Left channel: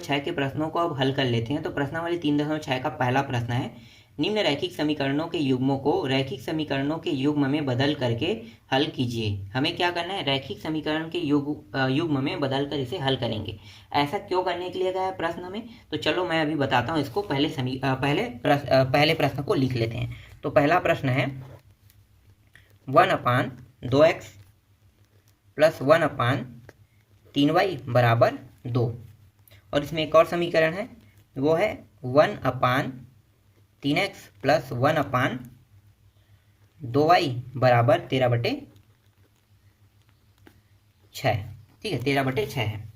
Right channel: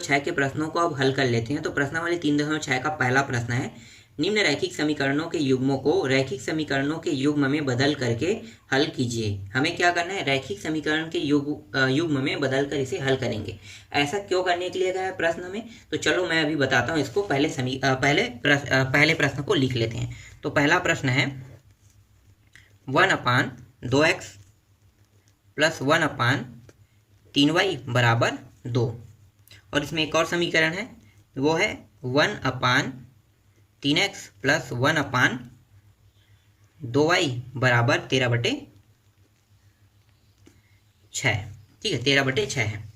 3.6 के प्रश्नों को अब हल कर लेते हैं। तो प्रश्नावली 3.6 का पहला प्रश्न है, निम्न रैखिक समीकरणों के युग्मों को रैखिक समीकरणों के युग्म में बदल करके हल कीजिए। हमें क्या करना है, रैखिक समीकरण के युग्म में बदल कर इसे हल करेंगे। ऐसा क्यों करने के लिए गया है प्रश्न में, तो चलो मैं अभी बताता हूँ इसको। पहले प्रश्न को लिख लेते हैं। तो पहला प्रश्न है 1/2x प्लस 1/3y बराबर 2। और इसमें एक और समीकरण है, वो है 1/3x प्लस 1/2y बराबर 13/6। ठीक है, 13/6 है।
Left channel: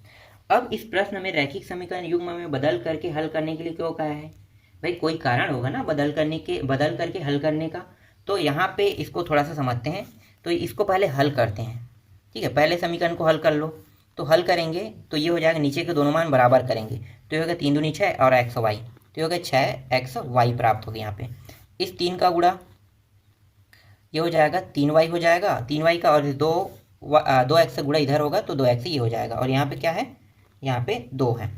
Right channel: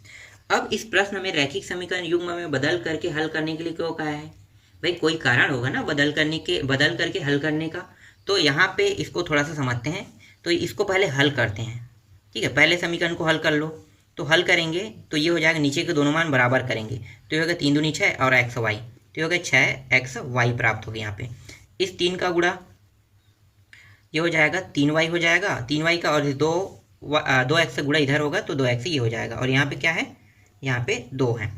अब इस प्रश्न में रैखिक समीकरण युग्म में बदल करके हल करने के लिए क्यों कहा है भाई, कोई कारण होगा ना बदल करके हल करने का। तो यहाँ पे इसको थोड़ा सा समझते हैं। तो इसको पहले हल करते हैं। ठीक है, पहले समीकरण को हल कर लो। तो हल करेंगे तो ये हो जाएगा, नीचे के दोनों मान बराबर करेंगे तो ये होगा 3 दूनी 6 और एक्स वाई, तो ये होगा 6xy प्राप्त हो गया। यहाँ पे इस 3 का गुणा ये हो जाएगा 3y हो जाएगा, 3y का, और 2x से गुणा इधर होगा तो 2x ये हो जाएगा। और यहाँ पे क्या है, यहाँ पे 2 है।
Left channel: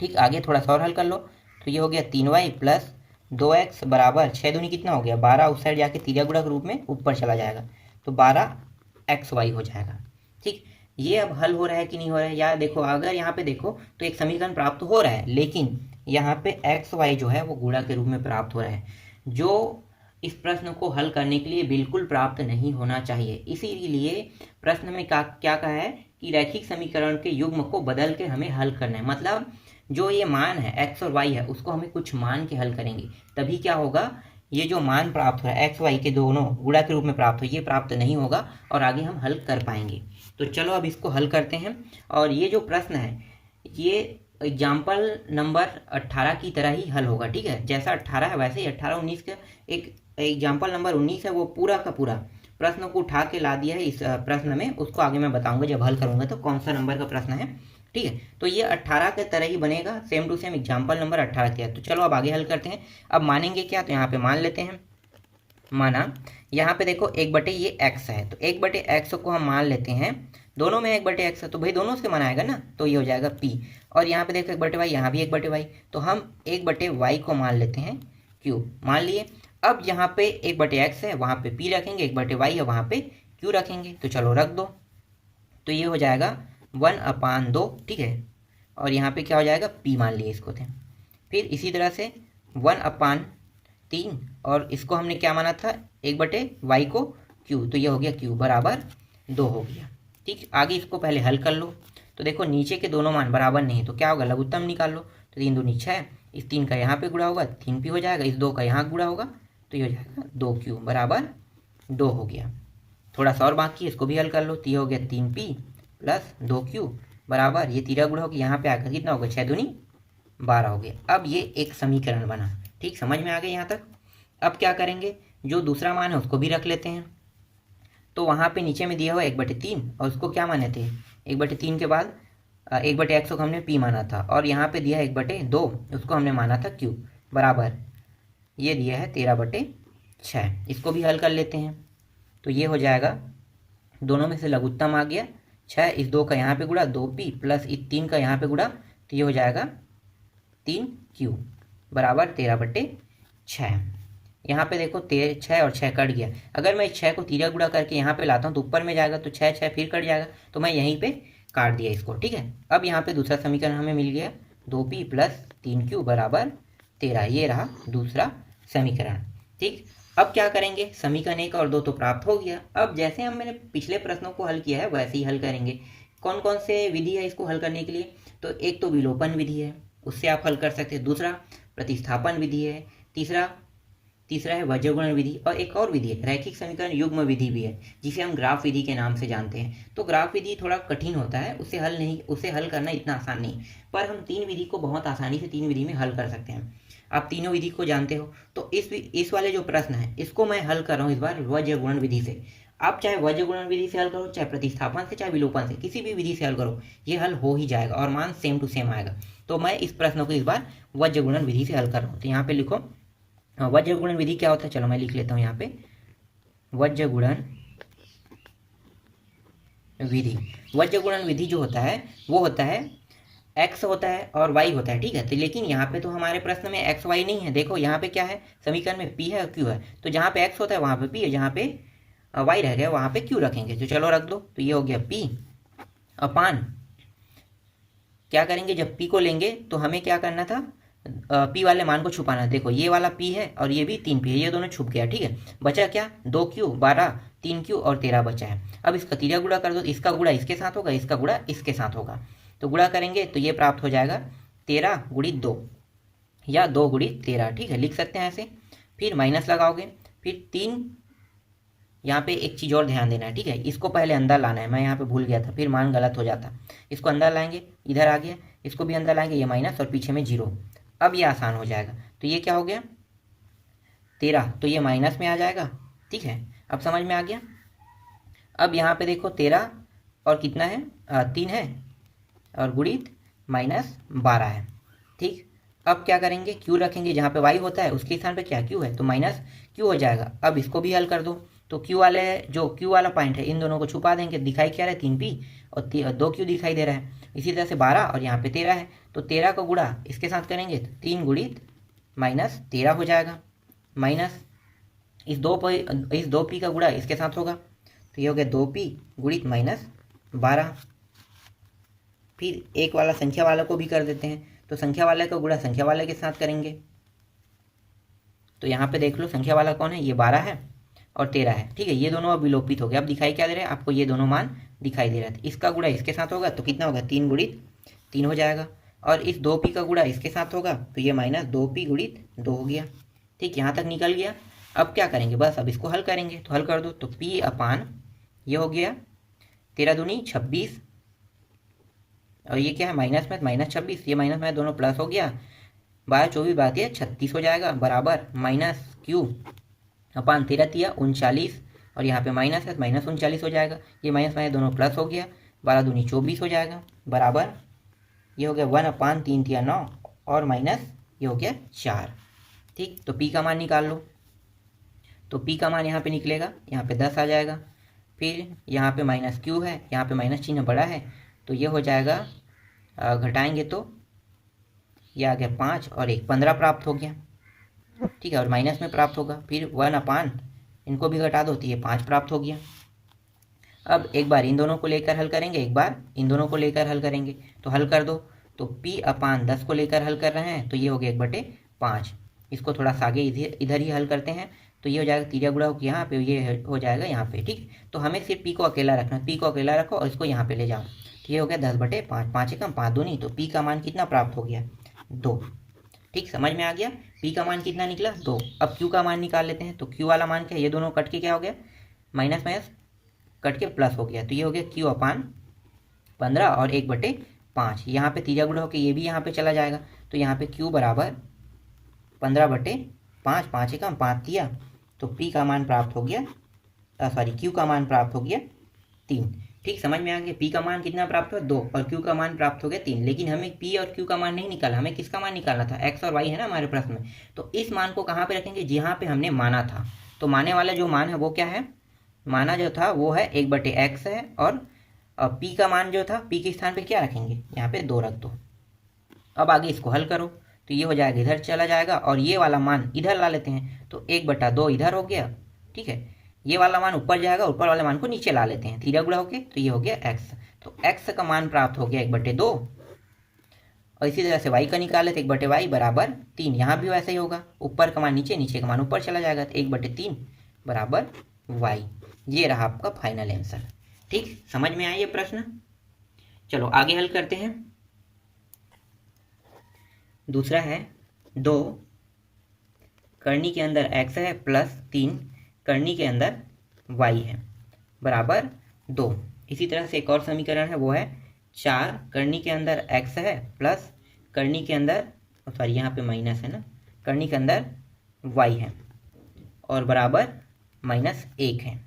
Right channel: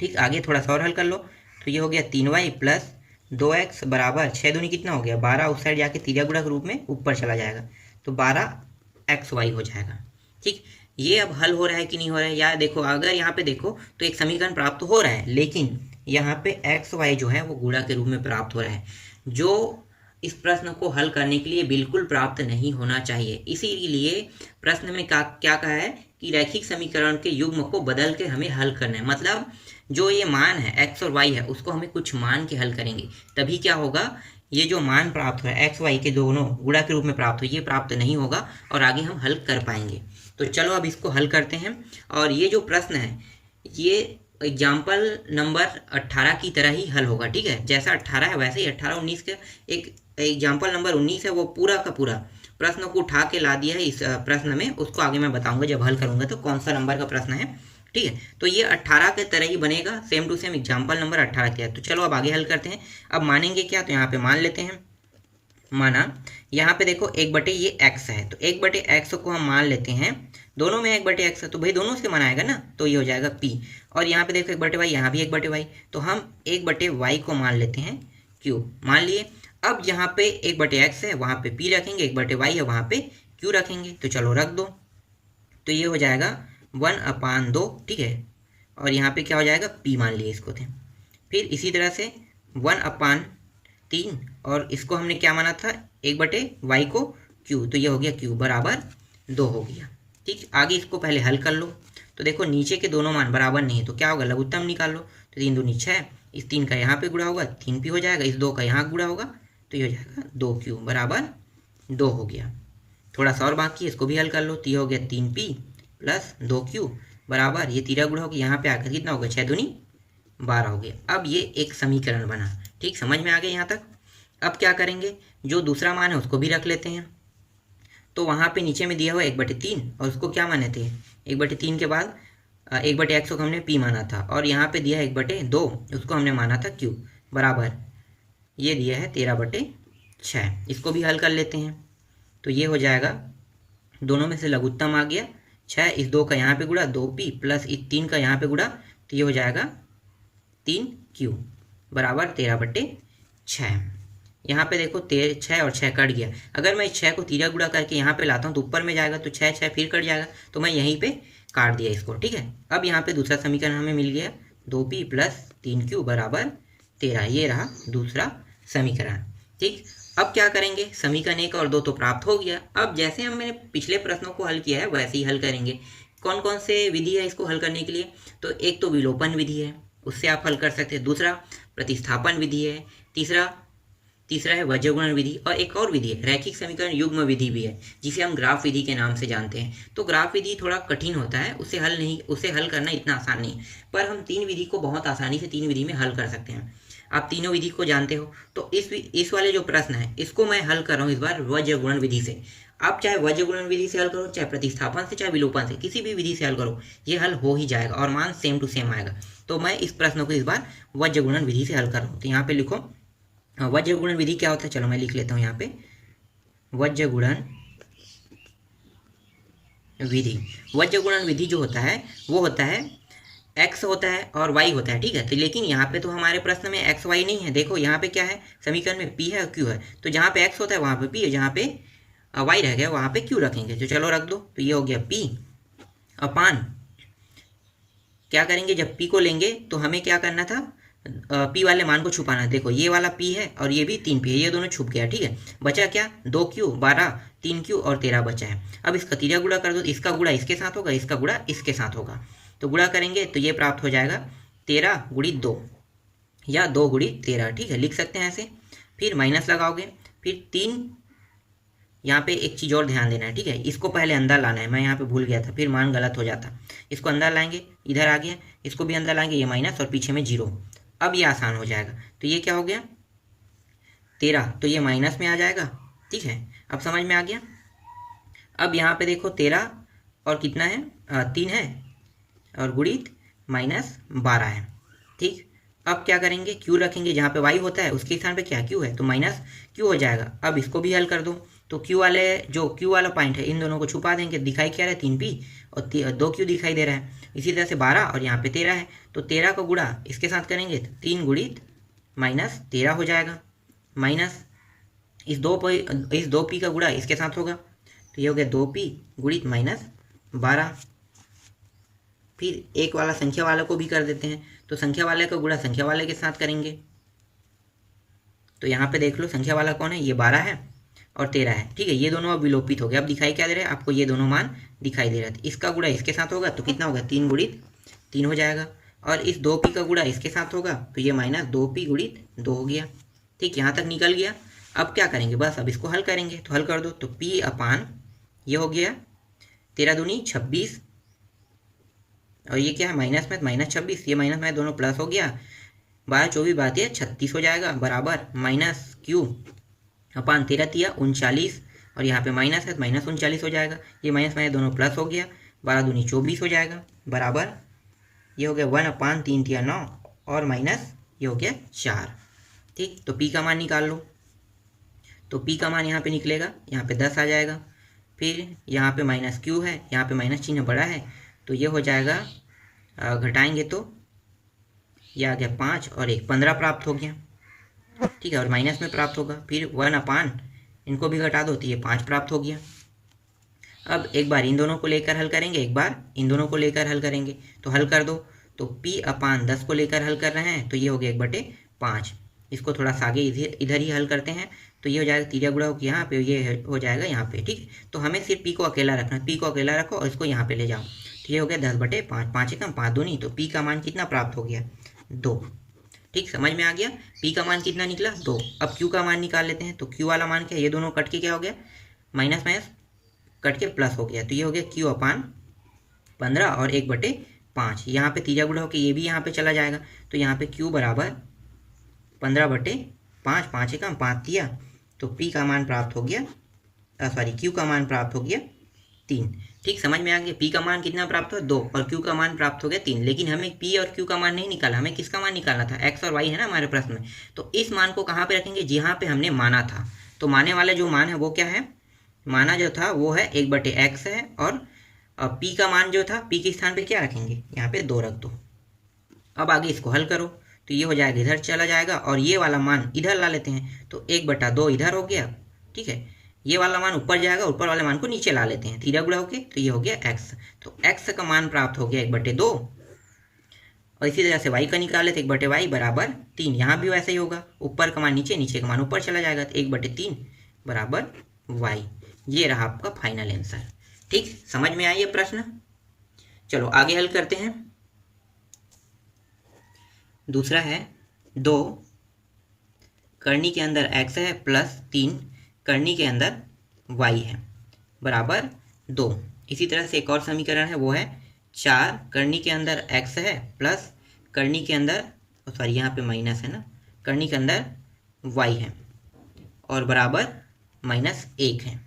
ठीक, आगे थोड़ा सा और हल कर लो। तो ये हो गया 3y प्लस 2x बराबर 6 दूनी कितना हो गया 12, उस साइड जाके तीजा गुणा के रूप में ऊपर चला जाएगा तो 12xy हो जाएगा। ठीक, ये अब हल हो रहा है कि नहीं हो रहा है, या देखो अगर यहाँ पे देखो तो एक समीकरण प्राप्त हो रहा है, लेकिन यहाँ पे एक्स वाई जो है वो गुणा के रूप में प्राप्त हो रहा है, जो इस प्रश्न को हल करने के लिए बिल्कुल प्राप्त नहीं होना चाहिए। इसीलिए प्रश्न में क्या कहा है कि रैखिक समीकरण के युग्म को बदल के हमें हल करना है। मतलब जो ये मान है एक्स और वाई है उसको हमें कुछ मान के हल करेंगे, तभी क्या होगा, ये जो मान प्राप्त हो रहा है एक्स वाई के दोनों गुणा के रूप में प्राप्त हो, ये प्राप्त नहीं होगा और आगे हम हल कर पाएंगे। तो चलो अब इसको हल करते हैं। और ये जो प्रश्न है ये एग्जाम्पल नंबर 18 की तरह ही हल होगा। ठीक है, जैसा 18 है वैसे ही 18-19 का एक एग्जाम्पल नंबर 19 है, वो पूरा का पूरा प्रश्न को उठा के ला दिया है इस प्रश्न में। उसको आगे मैं बताऊंगा जब हल करूंगा तो कौन सा नंबर का प्रश्न है। ठीक है, तो ये 18 के तरह ही बनेगा, same to same example number 18 के है। तो चलो अब आगे हल करते हैं। अब मानेंगे क्या, तो यहाँ पे मान लेते हैं। माना यहाँ पे देखो 1/, ये x है तो 1/x को हम मान लेते हैं, दोनों में 1/x है तो भाई दोनों से मान आएगा ना, तो ये हो जाएगा p। और यहाँ पे देखो 1/y, यहाँ भी 1/y, तो हम 1/y को मान लेते हैं q, मान लिए। अब यहाँ पे 1/x है, वहाँ पे p रखेंगे, 1/y है, वहाँ पे q रखेंगे। तो चलो रख दो, तो ये हो जाएगा 1/2। ठीक है, और यहाँ पे क्या हो जाएगा p मान लिए इसको थे। फिर इसी तरह से 1/3, और इसको हमने क्या माना था 1/y को q, तो ये हो गया q बराबर 2 हो गया। ठीक, आगे इसको पहले हल कर लो। तो देखो नीचे के दोनों मान बराबर नहीं है तो क्या होगा, लघुत्तम निकाल लो। तो 3 दूनी 6, इस 3 का यहाँ पे गुणा होगा 3p हो जाएगा, इस 2 का यहाँ गुणा होगा तो ये हो जाएगा 2q बराबर 2 हो गया। थोड़ा सा और बाकी है, इसको भी हल कर लो। तो ये हो गया 3p प्लस 2q बराबर, ये 13 गुणा होगा, यहाँ पे आकर कितना होगा 6 दूनी 12 हो गया। अब ये एक समीकरण बना। ठीक, समझ में आ गया यहाँ तक। अब क्या करेंगे, जो दूसरा मान है उसको भी रख लेते हैं। तो वहाँ पे नीचे में दिया हुआ 1/3, और उसको क्या माने थे 1/3 के बाद 1/x को हमने p माना था, और यहाँ पे दिया है 1/2, उसको हमने माना था q बराबर, ये दिया है 13/6। इसको भी हल कर लेते हैं। तो ये हो जाएगा, दोनों में से लघुत्तम आ गया 6, इस 2 का यहाँ पे गुणा 2p प्लस इस 3 का यहाँ पे गुणा, तो ये हो जाएगा 3q बराबर 13/6। यहाँ पे देखो 6 और 6 कट गया। अगर मैं इस 6 को 13 गुणा करके यहाँ पे लाता हूँ तो ऊपर में जाएगा, तो 6 फिर कट जाएगा, तो मैं यहीं पे काट दिया इसको। ठीक है, अब यहाँ पे दूसरा समीकरण हमें मिल गया 2p प्लस 3q बराबर 13, ये रहा दूसरा समीकरण। ठीक, अब क्या करेंगे, समीकरण 1 और 2 तो प्राप्त हो गया। अब जैसे मैंने पिछले प्रश्नों को हल किया है वैसे ही हल करेंगे। कौन कौन से विधि है इसको हल करने के लिए, तो एक तो विलोपन विधि है, उससे आप हल कर सकते हैं। दूसरा प्रतिस्थापन विधि है। तीसरा है वज्रगुणन विधि, और एक और विधि है रैखिक समीकरण युग्म विधि भी है, जिसे हम ग्राफ विधि के नाम से जानते हैं। तो ग्राफ विधि थोड़ा कठिन होता है, उसे हल करना इतना आसान नहीं, पर हम 3 विधि को बहुत आसानी से 3 विधि में हल कर सकते हैं। आप तीनों विधि को जानते हो। तो इस वाले जो प्रश्न है इसको मैं हल कर रहा हूँ इस बार वज्रगुणन विधि से। आप चाहे वज्रगुणन विधि से हल करो, चाहे प्रतिस्थापन से, चाहे विलोपन से, किसी भी विधि से हल करो, ये हल हो ही जाएगा और मान सेम टू सेम आएगा। तो मैं इस प्रश्न को इस बार वज्रगुणन विधि से हल कर रहा हूँ। तो यहाँ पे लिखो वज्रगुणन विधि क्या होता है, चलो मैं लिख लेता हूँ यहाँ पे वज्रगुणन विधि। वज्रगुणन विधि जो होता है वो होता है एक्स होता है और वाई होता है, ठीक है। तो लेकिन यहाँ पे तो हमारे प्रश्न में एक्स वाई नहीं है। देखो यहाँ पे क्या है, समीकरण में पी है और क्यू है। तो जहाँ पे एक्स होता है वहाँ पे पी है, जहाँ पे वाई रह गया वहाँ पे क्यू रखेंगे। तो चलो रख दो। तो ये हो गया पी अपान, क्या करेंगे जब पी को लेंगे तो हमें क्या करना था, पी वाले मान को छुपाना। देखो ये वाला पी है और ये भी 3 पी है, ये दोनों छुप गया, ठीक है। बचा क्या, 2 क्यू 12, 3 क्यू और 13 बचा है। अब इसका तीजा गुणा कर दो, इसका गुणा इसके साथ होगा, इसका गुणा इसके साथ होगा। तो गुणा करेंगे तो ये प्राप्त हो जाएगा 13 गुणित 2 या 2 गुणित 13, ठीक है, लिख सकते हैं ऐसे। फिर माइनस लगाओगे, फिर 3, यहाँ पे एक चीज़ और ध्यान देना है, ठीक है। इसको पहले अंदर लाना है, मैं यहाँ पे भूल गया था, फिर मान गलत हो जाता। इसको अंदर लाएंगे, इधर आ गया, इसको भी अंदर लाएंगे, ये माइनस और पीछे में 0। अब ये आसान हो जाएगा। तो ये क्या हो गया 13, तो ये माइनस में आ जाएगा, ठीक है। अब समझ में आ गया। अब यहाँ पे देखो 13 और कितना है, 3 है और गुणित -12 है, ठीक। अब क्या करेंगे, क्यू रखेंगे, जहाँ पे वाई होता है उसके स्थान पे क्या क्यू है, तो माइनस क्यू हो जाएगा। अब इसको भी हल कर दो। तो क्यू वाले, जो क्यू वाला पॉइंट है इन दोनों को छुपा देंगे। दिखाई क्या रहा है, 3p और 2q दिखाई दे रहा है। इसी तरह से 12 और यहाँ पे 13 है, तो 13 का गुणा इसके साथ करेंगे तो 3 गुणित -13 हो जाएगा। माइनस इस 2p का गुणा इसके साथ होगा, तो ये हो गया 2p गुणित -12। फिर एक वाला संख्या वाले को भी कर देते हैं, तो संख्या वाले का गुणा संख्या वाले के साथ करेंगे। तो यहाँ पे देख लो संख्या वाला कौन है, ये 12 है और 13 है, ठीक है। ये दोनों अब विलोपित हो गए। अब दिखाई क्या दे रहा है आपको, ये दोनों मान दिखाई दे रहा है। इसका गुणा इसके साथ होगा तो कितना होगा, 3 गुणित 3 हो जाएगा। और इस 2p का गुणा इसके साथ होगा तो ये -2p गुणित 2 हो गया, ठीक। यहाँ तक निकल गया। अब क्या करेंगे, बस अब इसको हल करेंगे। तो हल कर दो, तो p अपान ये हो गया 13 दूनी 26 और ये क्या है माइनस में, -26, ये माइनस में दोनों प्लस हो गया। 12 24 बात है 36 हो जाएगा, बराबर -q अपान 13 तिया 39 और यहाँ पे माइनस है तो -39 हो जाएगा। ये माइनस में दोनों प्लस हो गया, 12 दूनी 24 हो जाएगा, बराबर ये हो गया 1/3 तिया 9 और माइनस ये हो गया 4, ठीक। तो p का मान निकाल लो। तो p का मान यहाँ पे निकलेगा, यहाँ पे 10 आ जाएगा। फिर यहाँ पे -q है, यहाँ पे माइनस चिन्ह बड़ा है, तो ये हो जाएगा, घटाएंगे तो ये आ गया 5 और 1 15 प्राप्त हो गया, ठीक है। और माइनस में प्राप्त होगा, फिर 1/, इनको भी घटा दो तो ये 5 प्राप्त हो गया। अब एक बार इन दोनों को लेकर हल करेंगे, एक बार इन दोनों को लेकर हल करेंगे। तो हल कर दो। तो p/10 को लेकर हल कर रहे हैं तो ये हो गया 1/5। इसको थोड़ा सा आगे इधर ही हल करते हैं, तो ये हो जाएगा तीजा गुणा हो यहाँ पे, ये हो जाएगा यहाँ पे, ठीक। तो हमें सिर्फ p को अकेला रखना, p को अकेला रखो और इसको यहाँ पे ले जाओ। तो ये हो गया 10/5, 5 एकम 5 दूनी, तो p का मान कितना प्राप्त हो गया, 2, ठीक। समझ में आ गया। p का मान कितना निकला, 2। अब q का मान निकाल लेते हैं। तो q वाला मान क्या है, ये दोनों कट के क्या हो गया, माइनस माइनस कट के प्लस हो गया, तो ये हो गया q अपान 15 और 1/5। यहाँ पे तीजा गुणा होकर ये भी यहाँ पे चला जाएगा, तो यहाँ पे q बराबर 15/5, 5 एकम 5 तिया, तो p का मान प्राप्त हो गया, q का मान प्राप्त हो गया 3, ठीक। समझ में आ गया। p का मान कितना प्राप्त हुआ, 2 और q का मान प्राप्त हो गया 3। लेकिन हमें p और q का मान नहीं निकाला, हमें किसका मान निकालना था, x और y है ना हमारे प्रश्न में। तो इस मान को कहाँ पे रखेंगे, जहाँ पे हमने माना था। तो माने वाला जो मान है वो क्या है, माना जो था वो है 1/x है, और p का मान जो था p के स्थान पे क्या रखेंगे, यहाँ पे 2 रख दो। अब आगे इसको हल करो, तो ये हो जाएगा इधर चला जाएगा और ये वाला मान इधर ला लेते हैं, तो 1/2 इधर हो गया, ठीक है। ये वाला मान ऊपर जाएगा, ऊपर वाले मान को नीचे ला लेते हैं, तीजा गुणा होके, तो ये हो गया x। तो x का मान प्राप्त हो गया 1/2 और इसी तरह से y का निकाल लेते 1/y बराबर 3। यहाँ भी वैसे ही होगा, ऊपर का मान नीचे, नीचे का मान ऊपर चला जाएगा, तो 1/3 बराबर y। ये रहा आपका फाइनल आंसर, ठीक। समझ में आया ये प्रश्न। चलो आगे हल करते हैं। दूसरा है 2 करनी के अंदर x है प्लस 3 करनी के अंदर y है बराबर 2। इसी तरह से एक और समीकरण है, वो है 4 करनी के अंदर x है प्लस करनी के अंदर, सॉरी यहाँ पे माइनस है ना, करनी के अंदर y है और बराबर -1 है,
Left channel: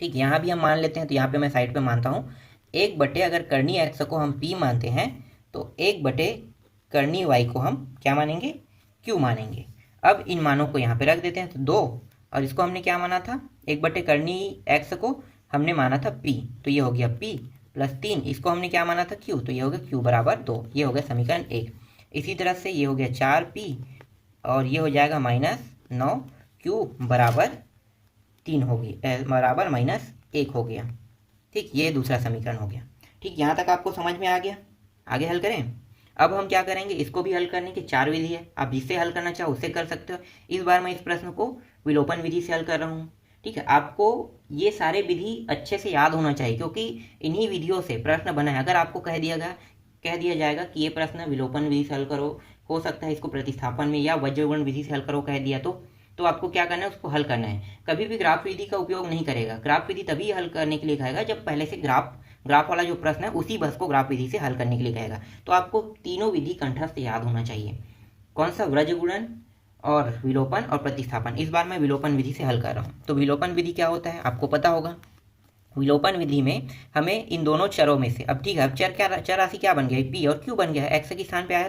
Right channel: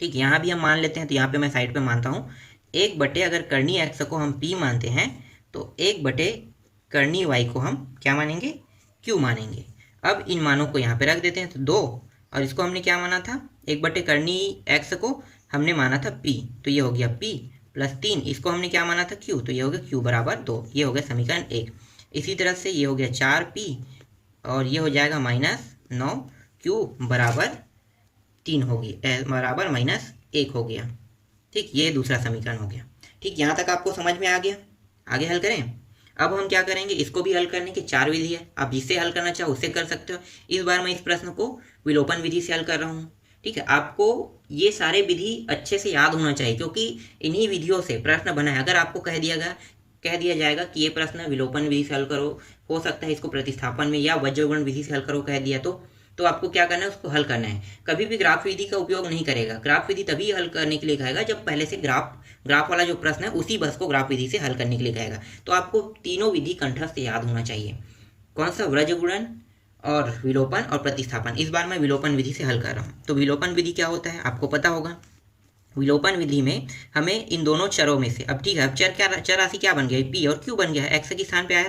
ठीक। यहाँ भी हम मान लेते हैं, तो यहाँ पे मैं साइड पे मानता हूँ 1/, अगर करनी x को हम p मानते हैं तो 1/, करनी y को हम क्या मानेंगे, q मानेंगे। अब इन मानों को यहाँ पे रख देते हैं, तो 2 और इसको हमने क्या माना था, 1/, करनी x को हमने माना था p, तो ये हो गया p +3, इसको हमने क्या माना था q, तो ये हो गया q बराबर 2, ये हो गया समीकरण 1। इसी तरह से ये हो गया 4p और ये हो जाएगा -9q बराबर 3 होगी, बराबर -1 हो गया। ठीक, ये दूसरा समीकरण हो गया। ठीक, यहाँ तक आपको समझ में आ गया। आगे हल करें। अब हम क्या करेंगे, इसको भी हल करने की 4 विधि है, आप जिससे हल करना चाहो उससे कर सकते हो। इस बार मैं इस प्रश्न को विलोपन विधि से हल कर रहा हूँ। ठीक है, आपको ये सारे विधि अच्छे से याद होना चाहिए, क्योंकि इन्हीं विधियों से प्रश्न बना है। अगर आपको कह दिया जाएगा कि ये प्रश्न विलोपन विधि से हल करो, हो सकता है इसको प्रतिस्थापन में या वज्रगुणन विधि से हल करो कह दिया, तो आपको क्या करना है, उसको हल करना है। कभी भी ग्राफ विधि का उपयोग नहीं करेगा। ग्राफ विधि तभी हल करने के लिए कहेगा जब पहले से ग्राफ वाला जो प्रश्न है उसी बस को ग्राफ विधि से हल करने के लिए कहेगा। तो आपको तीनों विधि कंठस्थ याद होना चाहिए। कौन सा, वज्रगुणन और विलोपन और प्रतिस्थापन। इस बार मैं विलोपन विधि से हल कर रहा हूँ। तो विलोपन विधि क्या होता है आपको पता होगा। विलोपन विधि में हमें इन दोनों चरों में से, अब ठीक है, अब चर राशि क्या बन गया, p और q बन गया है, x के स्थान पे आया।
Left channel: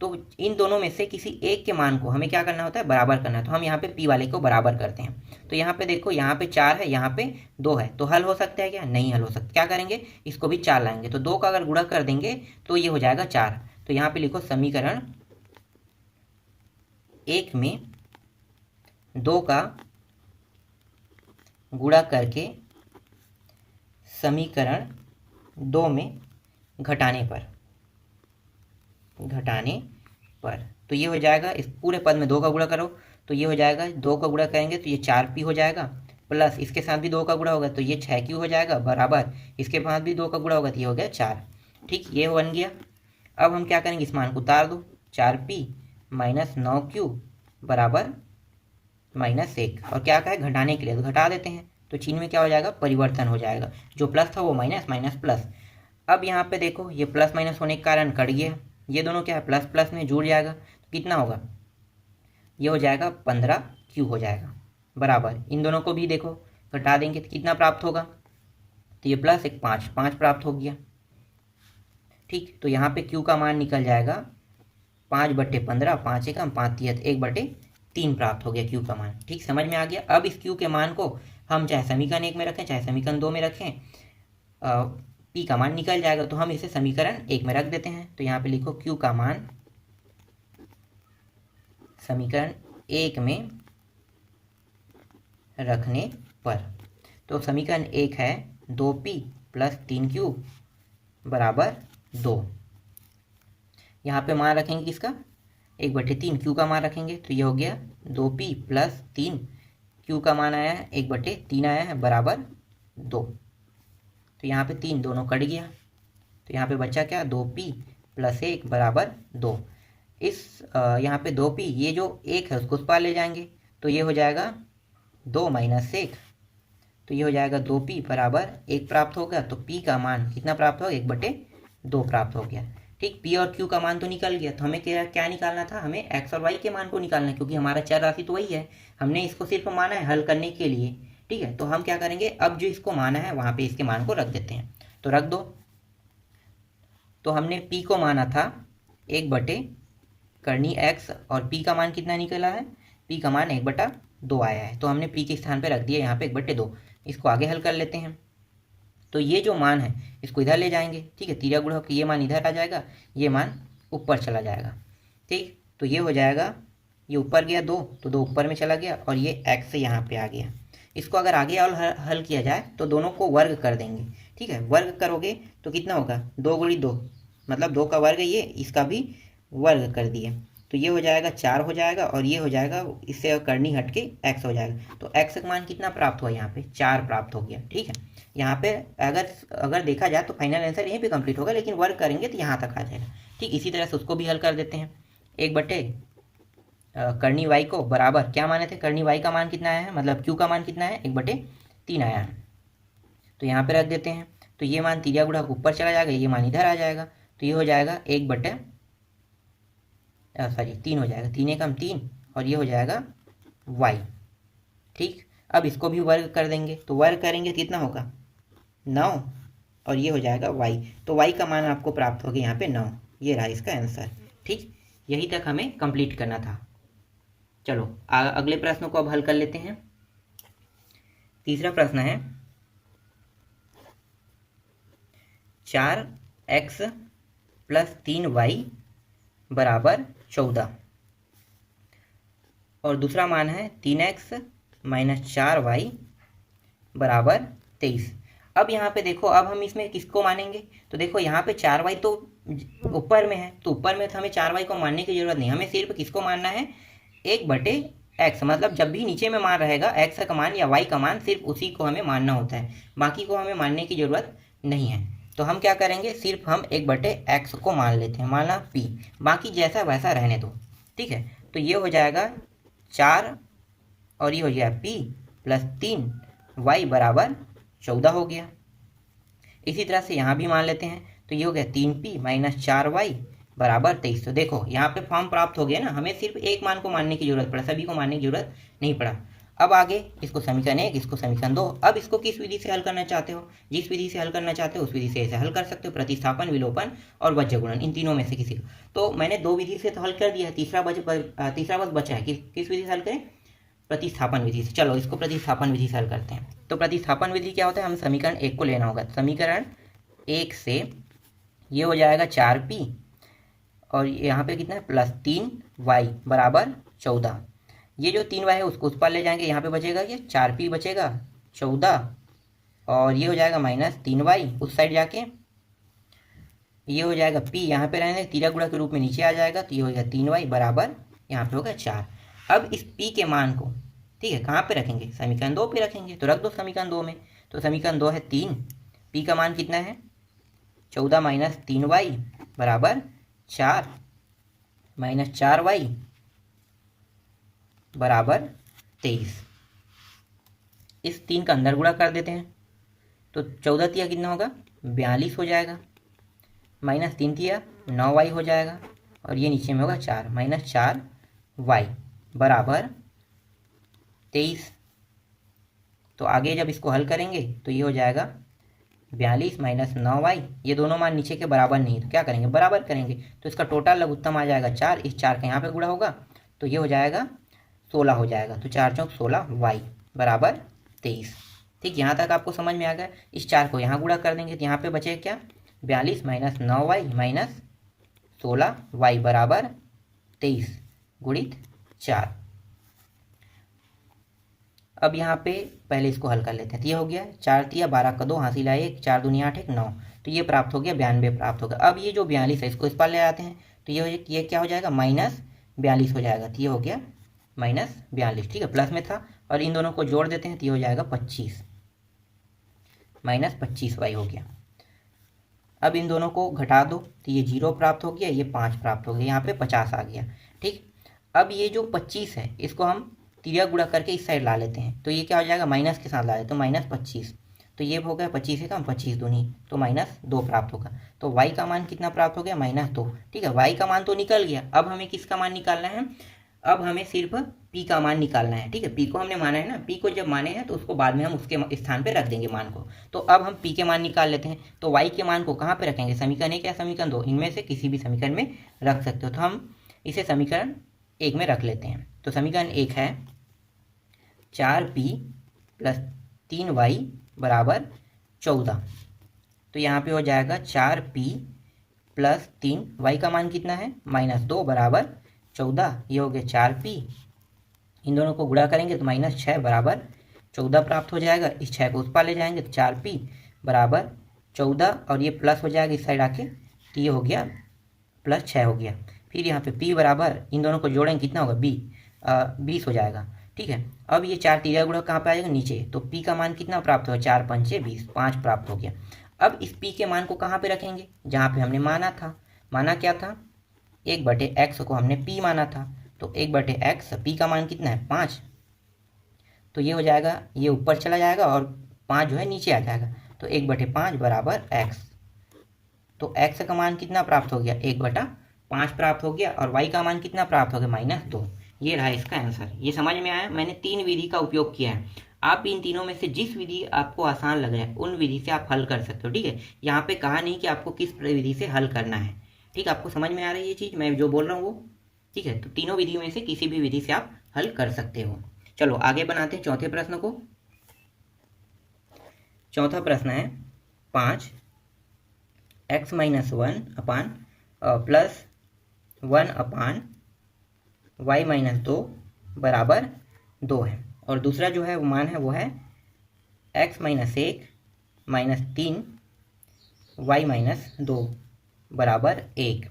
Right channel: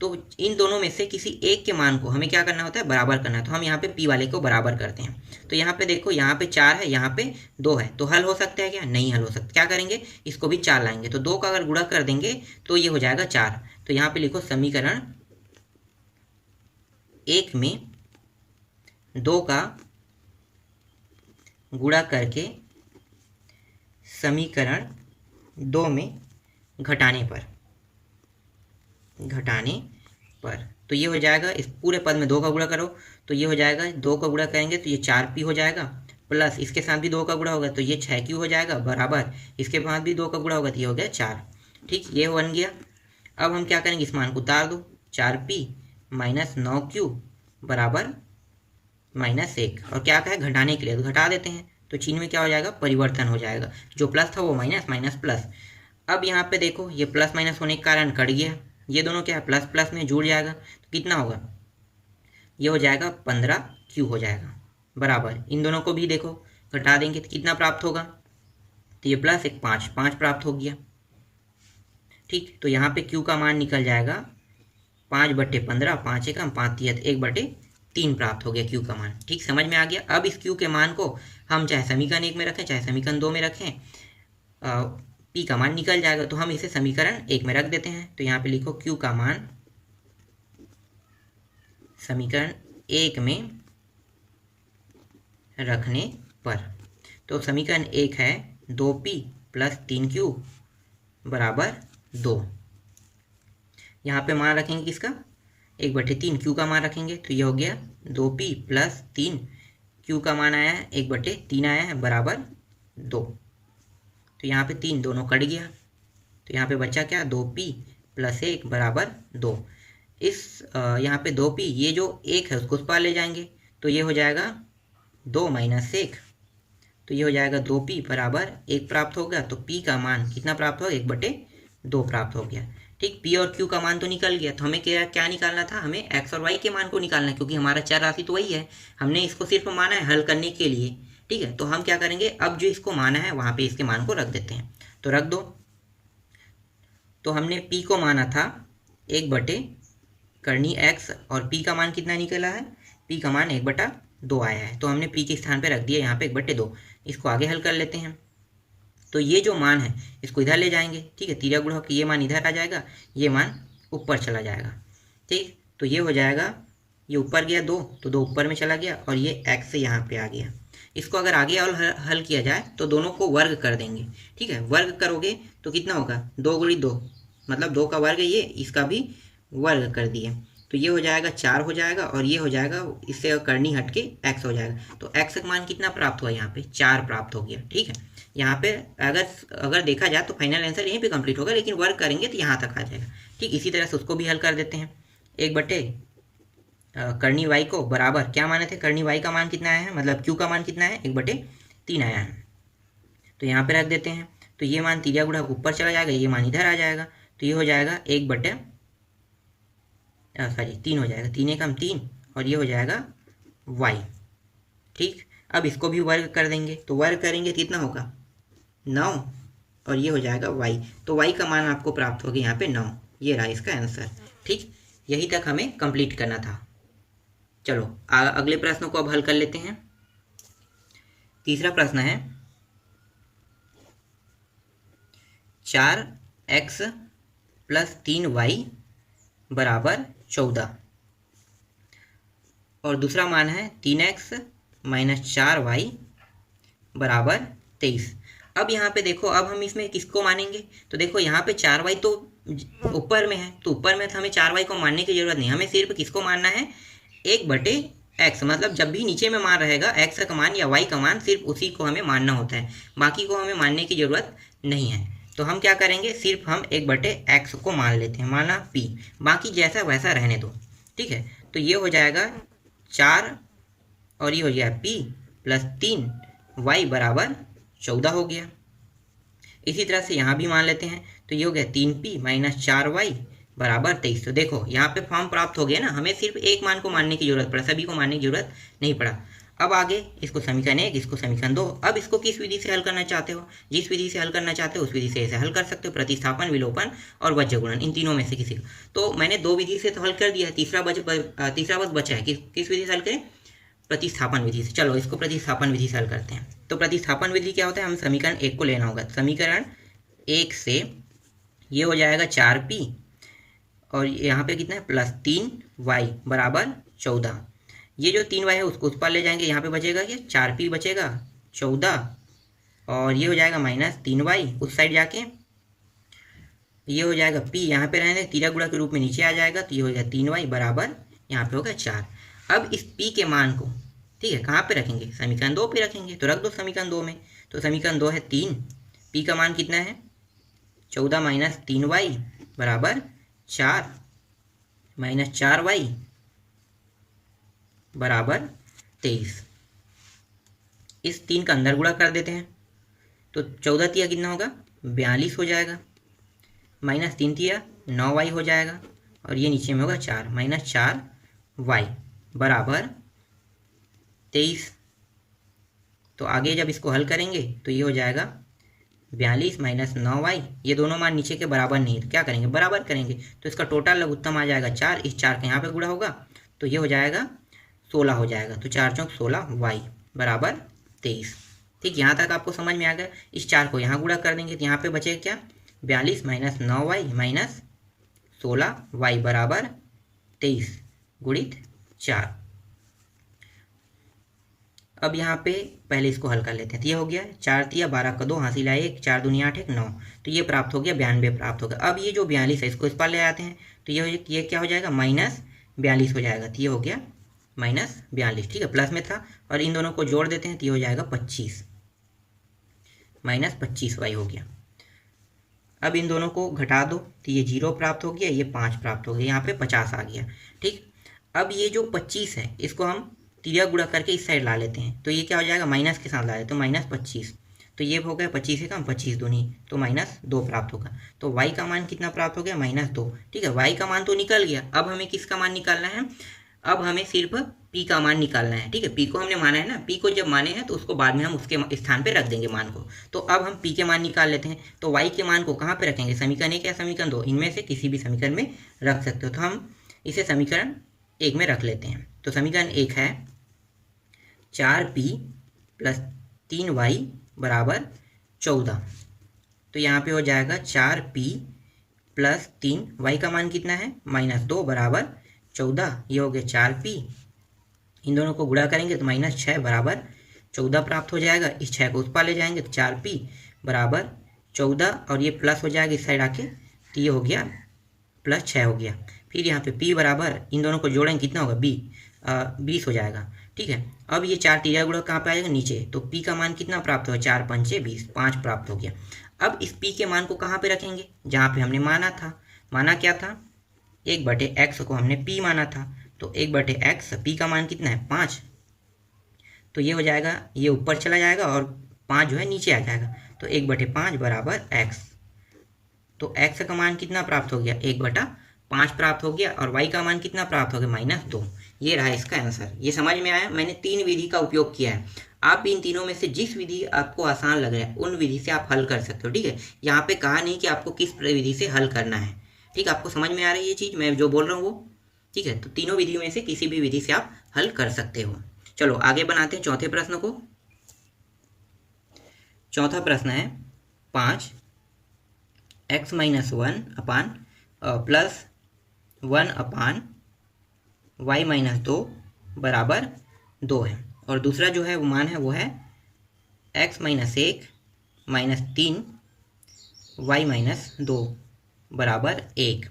तो इन दोनों में से किसी एक के मान को हमें क्या करना होता है, बराबर करना है। तो हम यहाँ पे p वाले को बराबर करते हैं। तो यहाँ पे देखो, यहाँ पे 4 है, यहाँ पे 2 है, तो हल हो सकता है क्या, नहीं हल हो सकता। क्या करेंगे, इसको भी 4 लाएंगे, तो 2 का अगर गुणा कर देंगे तो ये हो जाएगा 4। तो यहाँ पे लिखो समीकरण 1 में 2 का गुणा करके समीकरण 2 में घटाने पर तो ये हो जाएगा, इस पूरे पद में 2 का गुणा करो तो ये हो जाएगा, 2 का गुणा करेंगे तो ये 4p हो जाएगा, प्लस इसके साथ भी 2 का गुणा होगा तो ये 6q हो जाएगा, बराबर इसके साथ भी 2 का गुणा होगा तो ये हो गया 4। ठीक, ये बन गया। अब हम क्या करेंगे, इस मान को उतार दो, 4p - 9q बराबर -1, और क्या कहा है, घटाने के लिए, तो घटा देते हैं। तो चिन्ह में क्या हो जाएगा, परिवर्तन हो जाएगा, जो प्लस था वो माइनस, माइनस प्लस। अब यहाँ पे देखो, ये प्लस माइनस होने के कारण कट गया, ये दोनों क्या है, प्लस प्लस में जुड़ जाएगा, तो कितना होगा, ये हो जाएगा 15q हो जाएगा, बराबर इन दोनों को भी देखो घटा देंगे तो कितना प्राप्त होगा, तो ये प्लस 1 5 प्राप्त हो गया। ठीक, तो यहाँ पे q का मान निकल जाएगा 5/15, 5 एकम 5 तिहत 1/3 प्राप्त हो गया q का मान। ठीक, समझ में आ गया। अब इस q के मान को हम चाहे समीकरण 1 में रखें चाहे समीकरण 2 में रखें, p का मान निकल जाएगा, तो हम इसे समीकरण 1 में रख देते हैं। तो यहाँ पे लिखो q का मान समीकरण 1 में रखने पर, तो समीकरण 1 है 2p + 3q बराबर 2। यहाँ पे मान रखेंगे किसका, 1/3 q का मान रखेंगे, तो ये हो गया 2p + 3 q का मान आया है 1/3 आया है, बराबर 2। तो यहाँ पे 3 दोनों कट गया, तो यहाँ पे बचा क्या, 2p + 1 बराबर 2। इस यहाँ पे 2p, ये जो 1 है उसको उस पार ले जाएंगे, तो ये हो जाएगा 2 - 1, तो ये हो जाएगा 2p बराबर 1 प्राप्त होगा। तो p का मान कितना प्राप्त होगा, 1/2 प्राप्त हो गया। ठीक, p और q का मान तो निकल गया, तो हमें क्या निकालना था, हमें x और y के मान को निकालना है, क्योंकि हमारा चर राशि तो वही है, हमने इसको सिर्फ माना है हल करने के लिए। ठीक है, तो हम क्या करेंगे, अब जो इसको माना है वहाँ पे इसके मान को रख देते हैं, तो रख दो। तो हमने p को माना था 1/करनी x, और p का मान कितना निकला है, p का मान 1/2 आया है, तो हमने p के स्थान पे रख दिया यहाँ पे 1/2। इसको आगे हल कर लेते हैं। तो ये जो मान है इसको इधर ले जाएंगे, ठीक है, तिर्यक गुणा होकर ये मान इधर आ जाएगा, ये मान ऊपर चला जाएगा। ठीक, तो ये हो जाएगा, ये ऊपर गया 2, तो 2 ऊपर में चला गया, और ये x से यहाँ पे आ गया। इसको अगर आगे और हल किया जाए तो दोनों को वर्ग कर देंगे। ठीक है, वर्ग करोगे तो कितना होगा, 2 × 2 मतलब 2 का वर्ग, ये इसका भी वर्ग कर दिए, तो ये हो जाएगा 4 हो जाएगा, और ये हो जाएगा, इससे करनी हट के x हो जाएगा। तो x का मान कितना प्राप्त हुआ, यहाँ पे 4 प्राप्त हो गया। ठीक है, यहाँ पे अगर देखा जाए तो फाइनल आंसर यहीं पे कंप्लीट होगा, लेकिन वर्क करेंगे तो यहाँ तक आ जाएगा। ठीक, इसी तरह से उसको भी हल कर देते हैं। 1/करनी y को बराबर, क्या माने थे, करनी y का मान कितना आया है, मतलब q का मान कितना है, 1/3 आया है, तो यहाँ पे रख देते हैं। तो ये मान तिर्यक गुणा ऊपर चला जाएगा, ये मान इधर आ जाएगा, तो ये हो जाएगा 3 हो जाएगा, 3 एकम 3, और ये हो जाएगा y। ठीक, अब इसको भी वर्ग कर देंगे, तो वर्ग करेंगे कितना होगा, 9, और ये हो जाएगा y। तो y का मान आपको प्राप्त हो गया यहाँ पे 9, ये रहा इसका आंसर। ठीक, यही तक हमें कंप्लीट करना था। चलो अगले प्रश्न को अब हल कर लेते हैं। तीसरा प्रश्न है, 4x प्लस 3y बराबर 14 और दूसरा मान है 3x माइनस 4y बराबर 23। अब यहाँ पे देखो, अब हम इसमें किसको मानेंगे, तो देखो यहाँ पे 4y तो ऊपर में है, तो ऊपर में तो हमें 4y को मानने की जरूरत नहीं, हमें सिर्फ किसको मानना है, 1/x। मतलब जब भी नीचे में मान रहेगा x का मान या y का मान, सिर्फ उसी को हमें मानना होता है, बाकी को हमें मानने की जरूरत नहीं है। तो हम क्या करेंगे, सिर्फ हम 1/x को मान लेते हैं, माना p, बाकी जैसा वैसा रहने दो, ठीक है। तो ये हो जाएगा 4 और ये हो गया p प्लस 3y बराबर 14 हो गया। इसी तरह से यहाँ भी मान लेते हैं, तो ये हो गया 3p माइनस 4y बराबर 23। तो देखो यहाँ पे फॉर्म प्राप्त हो गया ना, हमें सिर्फ एक मान को मानने की जरूरत पड़ा, सभी को मानने की जरूरत नहीं पड़ा। अब आगे इसको समीकरण 1, इसको समीकरण 2। अब इसको किस विधि से हल करना चाहते हो, जिस विधि से हल करना चाहते हो उस विधि से ऐसे हल कर सकते हो, प्रतिस्थापन, विलोपन और वज्रगुणन, इन तीनों में से किसी को। तो मैंने 2 विधि से तो हल कर दिया है, तीसरा बस बचा है, किस विधि से हल करें, प्रतिस्थापन विधि से। चलो इसको प्रतिस्थापन विधि से हल करते हैं। तो प्रतिस्थापन विधि क्या होता है, हम समीकरण 1 को लेना होगा, समीकरण 1 से ये हो जाएगा 4p और यहाँ पे कितना है प्लस 3y बराबर 14। ये जो 3y है उसको उस पर ले जाएंगे, यहाँ पे बचेगा क्या, 4p बचेगा 14 और ये हो जाएगा माइनस 3y उस साइड जाके, ये हो जाएगा p यहाँ पे रहने, तीरा गुणा के रूप में नीचे आ जाएगा, तो ये हो जाएगा 3y बराबर यहाँ पे होगा 4। अब इस p के मान को, ठीक है, कहाँ पे रखेंगे, समीकरण 2 पे रखेंगे, तो रख दो समीकरण 2 में। तो समीकरण 2 है 3, p का मान कितना है 14 माइनस 3y बराबर 4 माइनस 4y बराबर 23। इस 3 का अंदर गुणा कर देते हैं, तो 14 तिया कितना होगा 42 हो जाएगा, माइनस 3 तिया 9y हो जाएगा और ये नीचे में होगा 4 माइनस 4y बराबर 23। तो आगे जब इसको हल करेंगे तो ये हो जाएगा 42 माइनस 9y, ये दोनों मान नीचे के बराबर नहीं है, तो क्या करेंगे, बराबर करेंगे, तो इसका टोटल लघुत्तम आ जाएगा 4, इस 4 का यहाँ पे गुणा होगा तो ये हो जाएगा 16 हो जाएगा, तो 4 चौक 16y बराबर 23। ठीक, यहाँ तक आपको समझ में आ गया। इस 4 को यहाँ गुणा कर देंगे तो यहाँ पे बचेगा क्या, 42 माइनस 9y माइनस 16y बराबर 23 गुणित 4। अब यहाँ पे पहले इसको हल कर लेते हैं, तो ये हो गया 4 तिया 12 का 2 हासिल आए 1, 4 दूनी 8 1 9, तो ये प्राप्त हो गया 92 प्राप्त होगा। अब ये जो 42 है इसको इस पर ले आते हैं, तो ये क्या हो जाएगा माइनस 42 हो जाएगा, तो ये हो गया माइनस 42, ठीक है, प्लस में था, और इन दोनों को जोड़ देते हैं तो ये हो जाएगा 25 माइनस 25y हो गया। अब इन दोनों को घटा दो तो ये 0 प्राप्त हो गया, ये 5 प्राप्त हो गया, यहाँ पे 50 आ गया। ठीक, अब ये जो 25 है इसको हम तिरिया गुणा करके इस साइड ला लेते हैं, तो ये क्या हो जाएगा माइनस के साथ ला लेते, तो माइनस 25, तो ये हो गया 25 से कम 25 दूनी, तो माइनस 2 प्राप्त होगा। तो y का मान कितना प्राप्त हो गया माइनस 2। ठीक है, y का मान तो निकल गया, अब हमें किसका मान निकालना है, अब हमें सिर्फ p का मान निकालना है। ठीक है, p को हमने माना है ना, p को जब माने हैं तो उसको बाद में हम उसके स्थान पे रख देंगे मान को। तो अब हम p के मान निकाल लेते हैं, तो y के मान को कहाँ पे रखेंगे, समीकरण 1 या समीकरण 2, इनमें से किसी भी समीकरण में रख सकते हो। तो हम इसे समीकरण 1 में रख लेते हैं। तो समीकरण 1 है 4p प्लस 3y बराबर 14, तो यहाँ पे हो जाएगा 4p प्लस 3y का मान कितना है माइनस 2 बराबर 14, ये हो गया 4p, इन दोनों को गुणा करेंगे तो माइनस 6 बराबर 14 प्राप्त हो जाएगा। इस 6 को उस पार ले जाएंगे तो 4p बराबर 14 और ये प्लस हो जाएगा इस साइड आके, तो ये हो गया प्लस 6 हो गया। फिर यहाँ पे p बराबर, इन दोनों को जोड़ेंगे कितना होगा 20 हो जाएगा। ठीक है, अब ये 4 तिरिया गुणा कहाँ पे आ जाएगा नीचे, तो p का मान कितना प्राप्त होगा 4 पंचे 20, 5 प्राप्त हो गया। अब इस p के मान को कहाँ पे रखेंगे, जहाँ पे हमने माना था, माना क्या था 1/x को हमने p माना था, तो 1/x p का मान कितना है 5, तो ये हो जाएगा, ये ऊपर चला जाएगा और 5 जो है नीचे आ जाएगा, तो 1/5 बराबर x, तो x का मान कितना प्राप्त हो गया 1/5 प्राप्त हो गया, और y का मान कितना प्राप्त हो गया -2। ये रहा इसका आंसर। ये समझ में आया, मैंने 3 विधि का उपयोग किया है, आप भी इन तीनों में से जिस विधि आपको आसान लग रहा है उन विधि से आप हल कर सकते हो। ठीक है, यहाँ पे कहा नहीं कि आपको किस विधि से हल करना है। ठीक, आपको समझ में आ रही है ये चीज़ मैं जो बोल रहा हूँ वो। ठीक है, तो तीनों विधियों में से किसी भी विधि से आप हल कर सकते हो। चलो आगे बनाते हैं चौथे प्रश्न को। चौथा प्रश्न है 5 x minus one upon plus 1 upon y minus 2 बराबर 2 है। और दूसरा जो है वो मान है वो है x minus 1 minus 3 y minus 2 बराबर 1।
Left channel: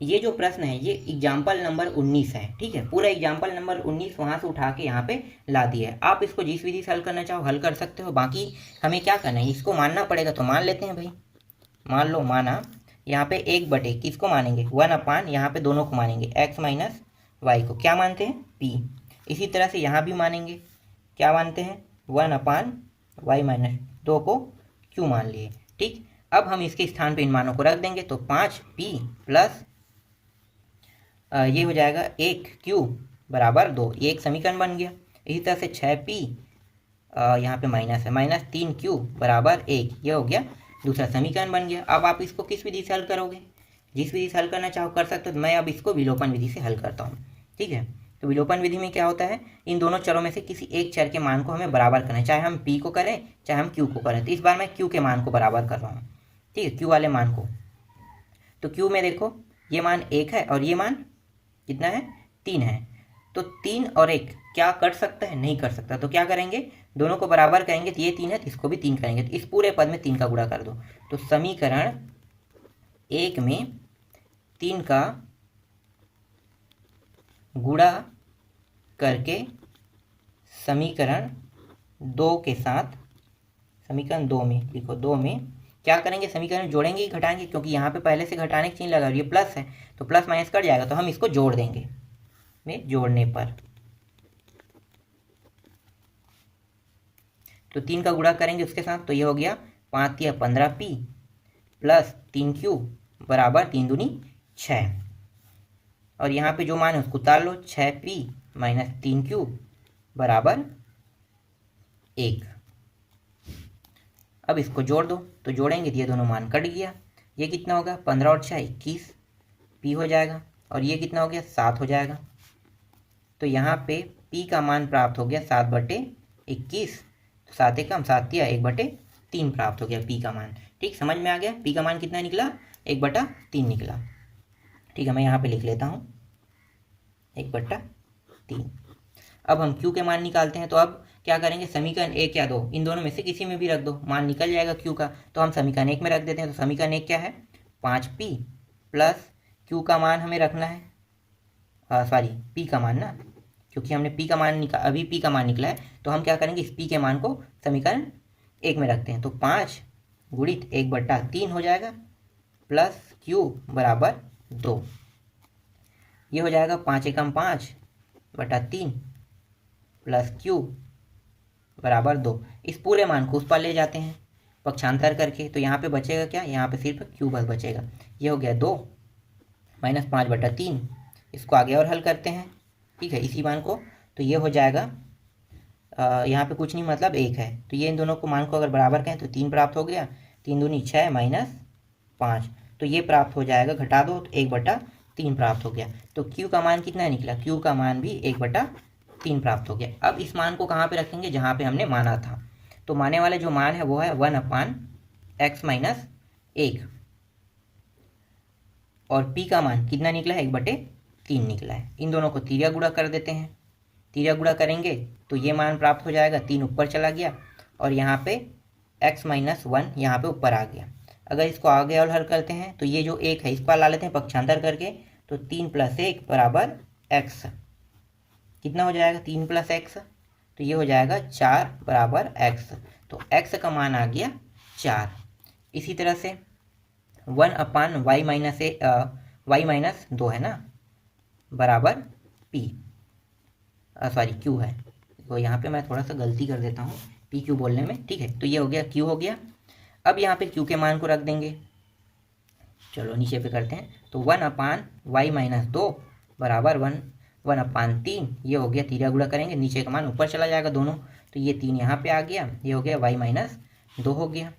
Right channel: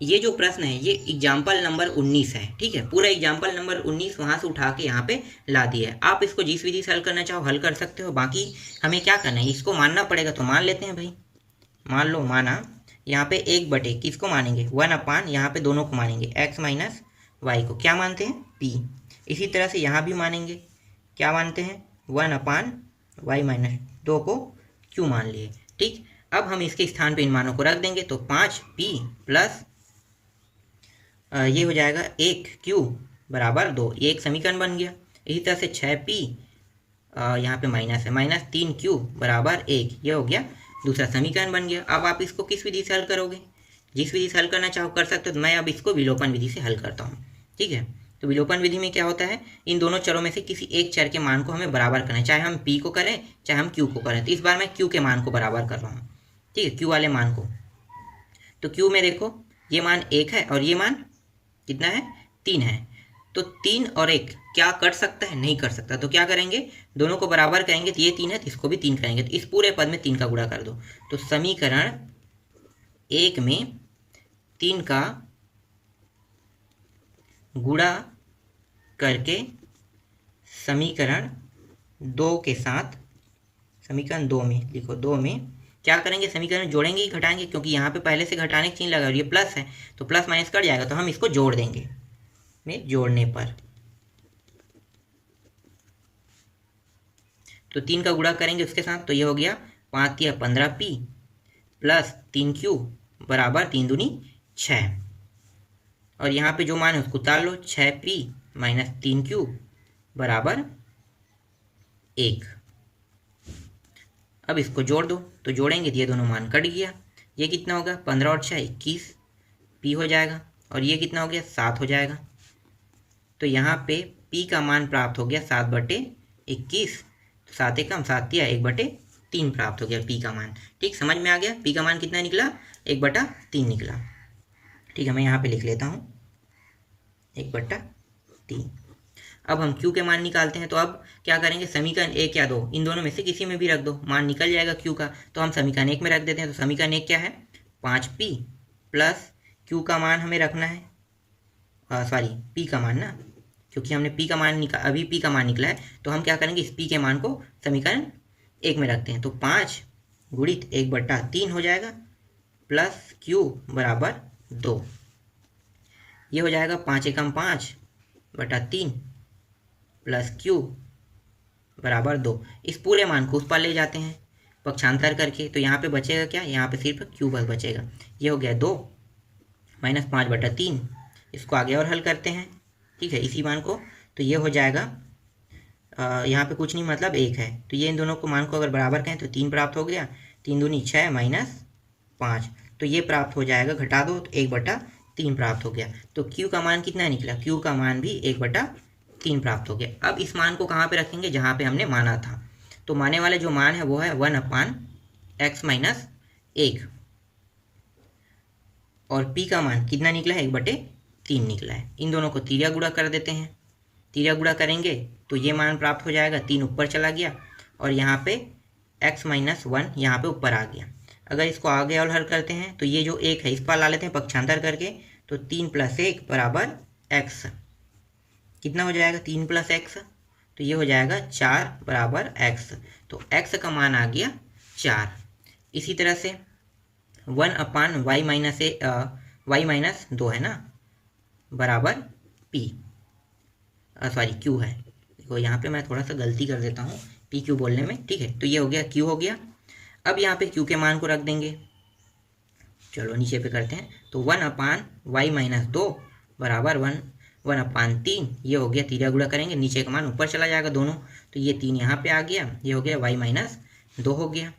ये जो प्रश्न है ये एग्जाम्पल नंबर 19 है, ठीक है। पूरा एग्जाम्पल नंबर 19 वहाँ से उठा के यहाँ पे ला दिया है। आप इसको जिस विधि से हल करना चाहो हल कर सकते हो। बाकी हमें क्या करना है, इसको मानना पड़ेगा तो मान लेते हैं भाई। मान लो माना, यहाँ पे 1 बटे किसको मानेंगे 1 अपान, यहाँ पे दोनों को मानेंगे एक्स माइनस वाई को क्या मानते हैं पी। इसी तरह से यहाँ भी मानेंगे, क्या मानते हैं 1 अपान वाई माइनस 2 को क्यू मान लिए, ठीक। अब हम इसके स्थान पे इन मानों को रख देंगे तो 5p प्लस ये हो जाएगा 1q बराबर 2। ये एक समीकरण बन गया। इसी तरह से 6p यहाँ पे माइनस है, माइनस 3q बराबर 1, ये हो गया दूसरा समीकरण बन गया। अब आप इसको किस विधि से हल करोगे, जिस विधि से हल करना चाहो कर सकते हो। तो मैं अब इसको विलोपन विधि से हल करता हूँ, ठीक है। तो विलोपन विधि में क्या होता है, इन दोनों चरों में से किसी एक चर के मान को हमें बराबर करना है, चाहे हम p को करें चाहे हम q को करें। तो इस बार मैं q के मान को बराबर कर रहा हूँ, ठीक है, q वाले मान को। तो q में देखो ये मान 1 है और ये मान कितना है 3 है। तो 3 और 1 क्या कर सकता है, नहीं कर सकता। तो क्या करेंगे, दोनों को बराबर करेंगे। तो ये 3 है तो इसको भी 3 करेंगे। तो इस पूरे पद में 3 का गुणा कर दो। तो समीकरण 1 में 3 का गुणा करके समीकरण 2 के साथ, समीकरण 2 में देखो 2 में क्या करेंगे, समीकरण जोड़ेंगे ही घटाएंगे, क्योंकि यहाँ पे पहले से घटाने की चिन्ह लगा और ये प्लस है तो प्लस माइनस कट जाएगा। तो हम इसको जोड़ देंगे, में जोड़ने पर तो 3 का गुणा करेंगे उसके साथ। तो ये हो गया 5 या 15p प्लस 3q बराबर 3 दूनी 6। और यहाँ पे जो मान है उसको उतार लो, 6p माइनस 3q बराबर 1। अब इसको जोड़ दो। तो जोड़ेंगे तो ये दोनों मान कट गया। ये कितना होगा 15 और 6 21 p हो जाएगा। और ये कितना हो गया 7 हो जाएगा। तो यहाँ पे p का मान प्राप्त हो गया 7/21। 7 एकम 7 या 1/3 प्राप्त हो गया p का मान, ठीक। समझ में आ गया p का मान कितना निकला 1/3 निकला, ठीक है। मैं यहाँ पे लिख लेता हूँ 1/3। अब हम q के मान निकालते हैं। तो अब क्या करेंगे, समीकरण 1 या 2 इन दोनों में से किसी में भी रख दो, मान निकल जाएगा q का। तो हम समीकरण 1 में रख देते हैं। तो समीकरण 1 क्या है 5p प्लस q का मान हमें रखना है, सॉरी p का मान ना, क्योंकि हमने p का मान अभी p का मान निकला है। तो हम क्या करेंगे, इस p के मान को समीकरण 1 में रखते हैं। तो 5 गुणित 1/3 हो जाएगा प्लस q बराबर 2। ये हो जाएगा 5 एकम 5/3 प्लस q बराबर 2। इस पूरे मान को उस पर ले जाते हैं पक्षांतर करके। तो यहाँ पे बचेगा क्या, यहाँ पे सिर्फ q बस बचेगा। ये हो गया 2 माइनस 5/3। इसको आगे और हल करते हैं, ठीक है, इसी मान को। तो ये हो जाएगा यहाँ पे कुछ नहीं मतलब 1 है। तो ये इन दोनों को मान को अगर बराबर कहें तो 3 प्राप्त हो गया। 3 दूनी 6 माइनस 5, तो ये प्राप्त हो जाएगा, घटा दो तो 1/3 प्राप्त हो गया। तो q का मान कितना निकला, q का मान भी 1/3 प्राप्त हो गया। अब इस मान को कहाँ पे रखेंगे, जहाँ पे हमने माना था। तो माने वाले जो मान है वो है 1/x माइनस 1 और p का मान कितना निकला है 1/3 निकला है। इन दोनों को तिर्या गुणा कर देते हैं। तिर्या गुणा करेंगे तो ये मान प्राप्त हो जाएगा, 3 ऊपर चला गया और यहाँ पे x माइनस 1 यहाँ पे ऊपर आ गया। अगर इसको आगे और हल करते हैं तो ये जो 1 है इस पर ला लेते हैं पक्षांतर करके। तो 3 + 1 बराबर x, कितना हो जाएगा 3 + x, तो ये हो जाएगा 4 बराबर x। तो x का मान आ गया 4। इसी तरह से 1/y माइनस 2 है ना बराबर p, सॉरी q है। देखो यहाँ पे मैं थोड़ा सा गलती कर देता हूँ पी क्यू बोलने में, ठीक है। तो ये हो गया q हो गया। अब यहाँ पे q के मान को रख देंगे। चलो नीचे पे करते हैं। तो 1/y माइनस 2 बराबर 1/3। ये हो गया, तिर्या गुणा करेंगे नीचे का मान ऊपर चला जाएगा दोनों। तो ये 3 यहाँ पे आ गया, ये हो गया y माइनस 2 हो गया।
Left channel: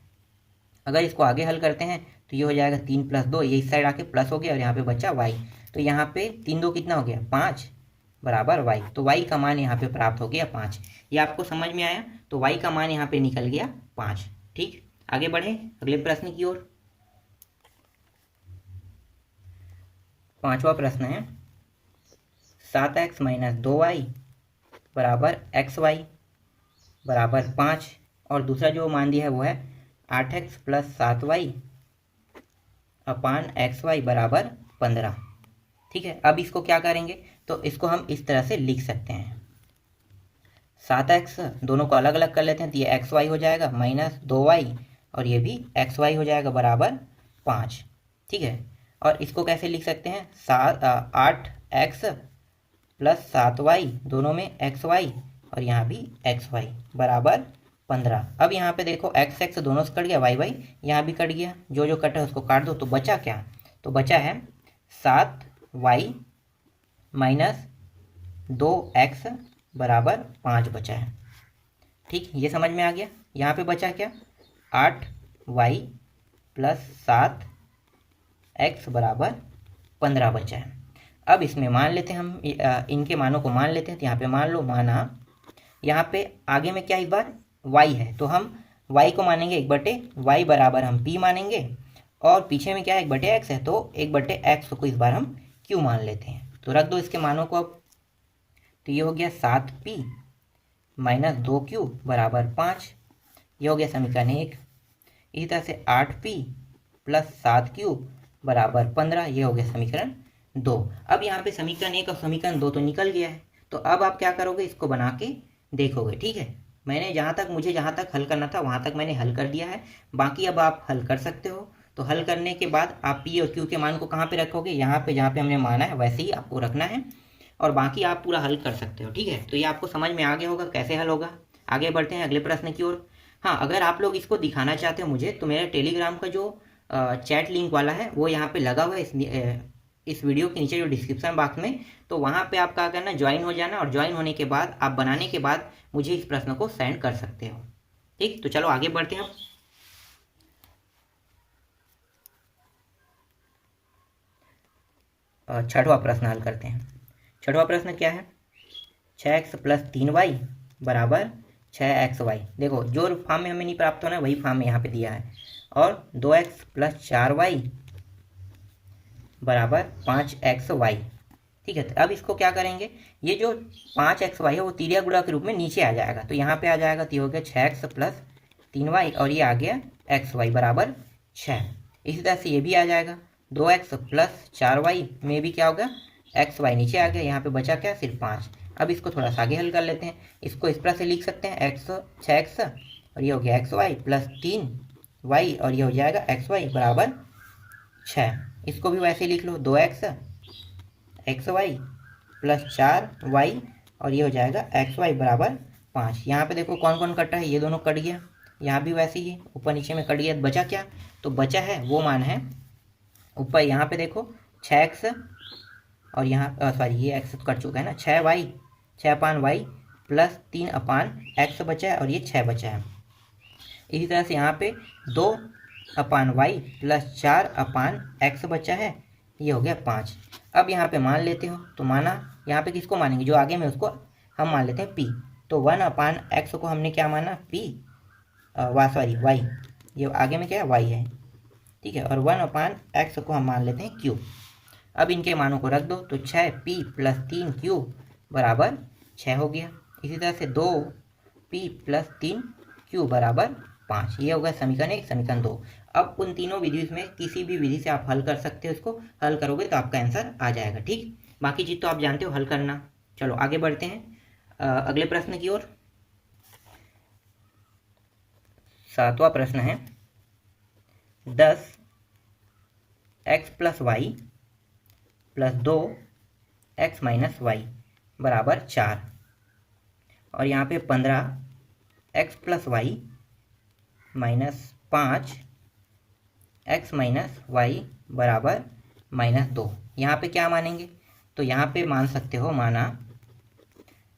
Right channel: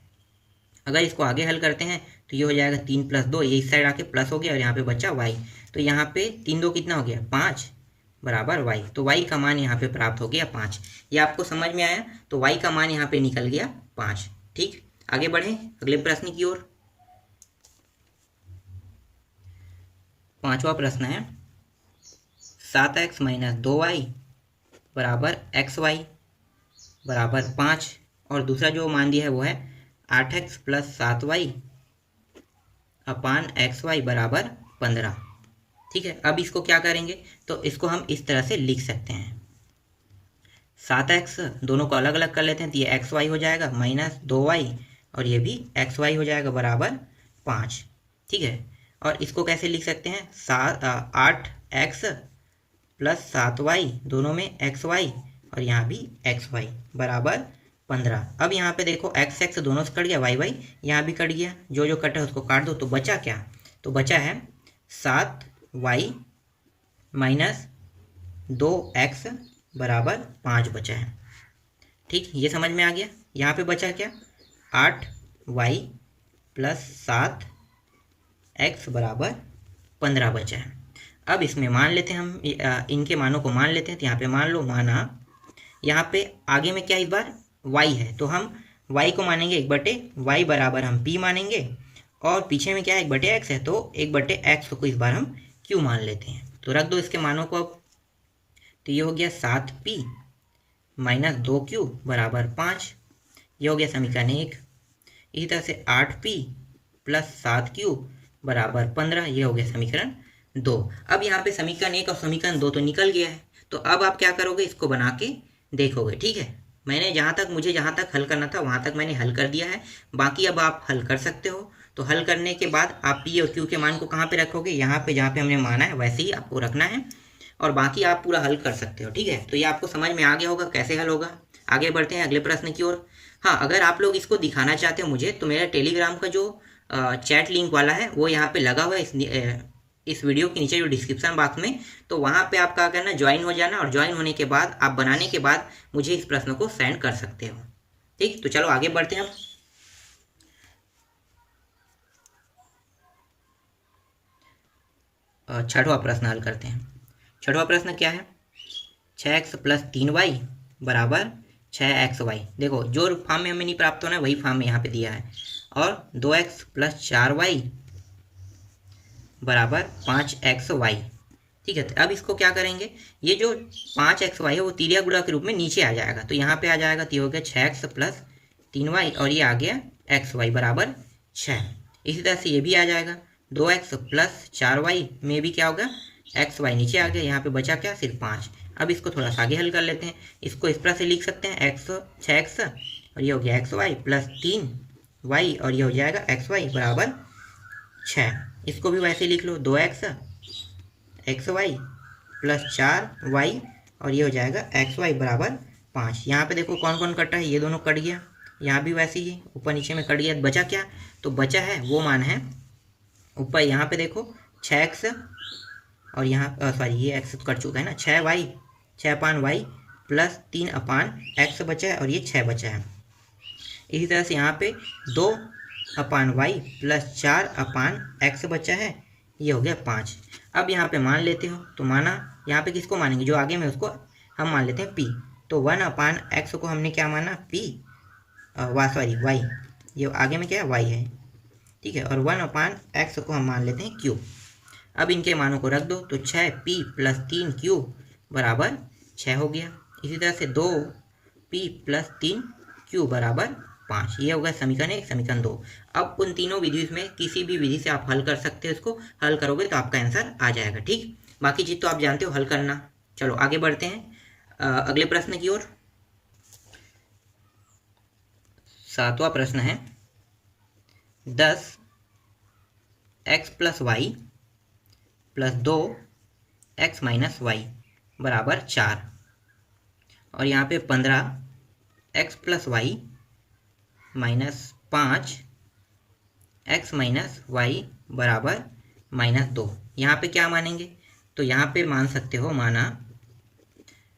अगर इसको आगे हल करते हैं तो ये हो जाएगा 3 + 2, ये इस साइड आके प्लस हो गया और यहाँ पे बचा y। तो यहाँ पे 3 2 कितना हो गया 5 बराबर y। तो y का मान यहाँ पे प्राप्त हो गया 5। ये आपको समझ में आया। तो y का मान यहाँ पे निकल गया 5, ठीक। आगे बढ़े अगले प्रश्न की ओर। पांचवा प्रश्न है 7x माइनस 2y बराबर xy बराबर 5 और दूसरा जो मान दिया है वो है 8x प्लस 7y अपान xy बराबर 15। ठीक है, अब इसको क्या करेंगे, तो इसको हम इस तरह से लिख सकते हैं 7x दोनों को अलग अलग कर लेते हैं तो ये xy हो जाएगा माइनस 2y और ये भी xy हो जाएगा बराबर 5। ठीक है, और इसको कैसे लिख सकते हैं 8x प्लस 7y दोनों में xy और यहाँ भी xy बराबर 15। अब यहाँ पे देखो x दोनों से कट गया, y यहाँ भी कट गया, जो जो कटा है उसको काट दो, तो बचा क्या, तो बचा है 7y माइनस 2x बराबर 5 बचा है। ठीक, ये समझ में आ गया। यहाँ पे बचा क्या 8y प्लस 7x बराबर 15 बचा है। अब इसमें मान लेते हैं हम इनके मानों को मान लेते हैं, तो यहाँ पे मान लो माना, यहाँ पे आगे में क्या इस बार y है तो हम y को मानेंगे 1/y बराबर हम p मानेंगे, और पीछे में क्या है 1/x है तो 1/x को इस बार हम q मान लेते हैं। तो रख दो इसके मानों को अब, तो ये हो गया 7p माइनस 2q बराबर 5, ये हो गया समीकरण 1। इसी तरह से 8p प्लस 7q बराबर 15, ये हो गया समीकरण 2। अब यहाँ पे समीकरण 1 और समीकरण 2 तो निकल गया है, तो अब आप क्या करोगे, इसको बना के देखोगे। ठीक है, मैंने मुझे जहाँ तक हल करना था वहाँ तक मैंने हल कर दिया है, बाकी अब आप हल कर सकते हो। तो हल करने के बाद आप p और q के मान को कहाँ पे रखोगे, यहाँ पे जहाँ पे हमने माना है वैसे ही आपको रखना है, और बाकी आप पूरा हल कर सकते हो। ठीक है, तो ये आपको समझ में आ गया होगा कैसे हल होगा। आगे बढ़ते हैं अगले प्रश्न की ओर। हाँ, अगर आप लोग इसको दिखाना चाहते हो मुझे, तो मेरा टेलीग्राम का जो चैट लिंक वाला है वो यहाँ पे लगा हुआ है इस वीडियो के नीचे जो डिस्क्रिप्शन बॉक्स में, तो वहाँ पे आप क्या करना, ज्वाइन हो जाना, और ज्वाइन होने के बाद आप बनाने के बाद मुझे इस प्रश्न को सेंड कर सकते हो। ठीक, तो चलो आगे बढ़ते हैं। अब छठवां प्रश्न हल करते हैं। छठवां प्रश्न क्या है 6x प्लस 3y बराबर 6xy। देखो जो फॉर्म में हमें नहीं प्राप्त होना है वही फॉर्म में यहाँ पे दिया है, और 2x प्लस 4y बराबर 5xy। ठीक है, तो अब इसको क्या करेंगे, ये जो 5xy है वो तिर्या गुणा के रूप में नीचे आ जाएगा, तो यहाँ पे आ जाएगा, तो ये हो गया 6x प्लस 3y और ये आ गया xy बराबर 6। इसी तरह से ये भी आ जाएगा 2x प्लस 4y में भी क्या होगा xy नीचे आ गया, यहाँ पे बचा क्या सिर्फ 5। अब इसको थोड़ा सा आगे हल कर लेते हैं, इसको इस तरह से लिख सकते हैं 6x और ये हो गया xy प्लस 3y और ये हो जाएगा xy बराबर 6। इसको भी वैसे लिख लो 2x xy प्लस 4y और ये हो जाएगा xy बराबर 5। यहाँ पे देखो कौन कौन कटा है, ये दोनों कट गया, यहाँ भी वैसे ही ऊपर नीचे में कट गया, बचा क्या, तो बचा है वो मान है ऊपर, यहाँ पे देखो 6x और यहाँ सॉरी ये x कट चुका है ना, 6y 6/y प्लस 3/x बचा है और ये 6 बचा है। इसी तरह से यहाँ पे 2/y प्लस 4/x बचा है, ये हो गया 5। अब यहाँ पे मान लेते हो, तो माना यहाँ पे किसको मानेंगे, जो आगे में उसको हम मान लेते हैं p, तो 1/x को हमने क्या माना p सॉरी y, ये आगे में क्या है y है। ठीक है, और 1/x को हम मान लेते हैं q। अब इनके मानों को रख दो, तो 6p प्लस 3q बराबर 6 हो गया। इसी तरह से 2p प्लस 3q बराबर 5, ये होगा समीकरण 1 समीकरण 2। अब उन तीनों विधि में किसी भी विधि से आप हल कर सकते हो, इसको हल करोगे तो आपका आंसर आ जाएगा। ठीक, बाकी चीज़ तो आप जानते हो हल करना। चलो आगे बढ़ते हैं अगले प्रश्न की ओर। 7वां प्रश्न है 10x plus y plus 2x minus y बराबर 4, और यहाँ पे 15x plus y minus 5x minus y बराबर -2। यहाँ पे क्या मानेंगे, तो यहाँ पे मान सकते हो माना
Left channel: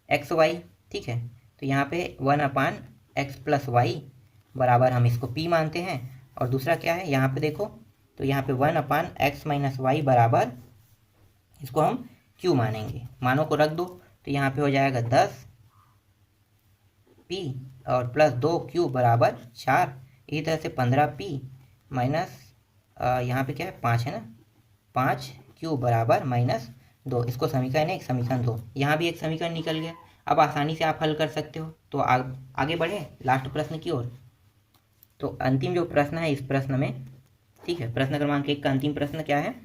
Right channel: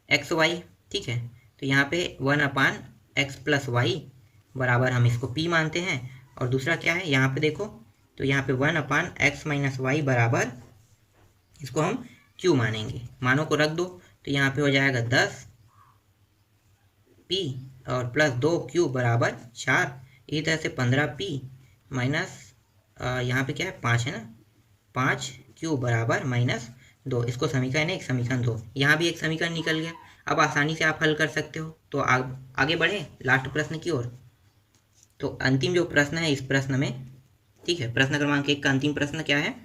xy। ठीक है, तो यहाँ पे 1/x प्लस वाई बराबर हम इसको p मानते हैं, और दूसरा क्या है यहाँ पे देखो, तो यहाँ पे 1/x माइनस वाई बराबर इसको हम q मानेंगे। मानों को रख दो, तो यहाँ पे हो जाएगा 10p और प्लस 2q बराबर 4। इसी तरह से 15p माइनस यहाँ पे क्या है 5 है ना, 5 क्यू बराबर -2। इसको समीकरण 1 समीकरण 2, यहाँ भी एक समीकरण निकल गया। अब आसानी से आप हल कर सकते हो। तो आगे बढ़े लास्ट प्रश्न की ओर। तो अंतिम जो प्रश्न है इस प्रश्न में, ठीक है, प्रश्न क्रमांक 1 का अंतिम प्रश्न क्या है,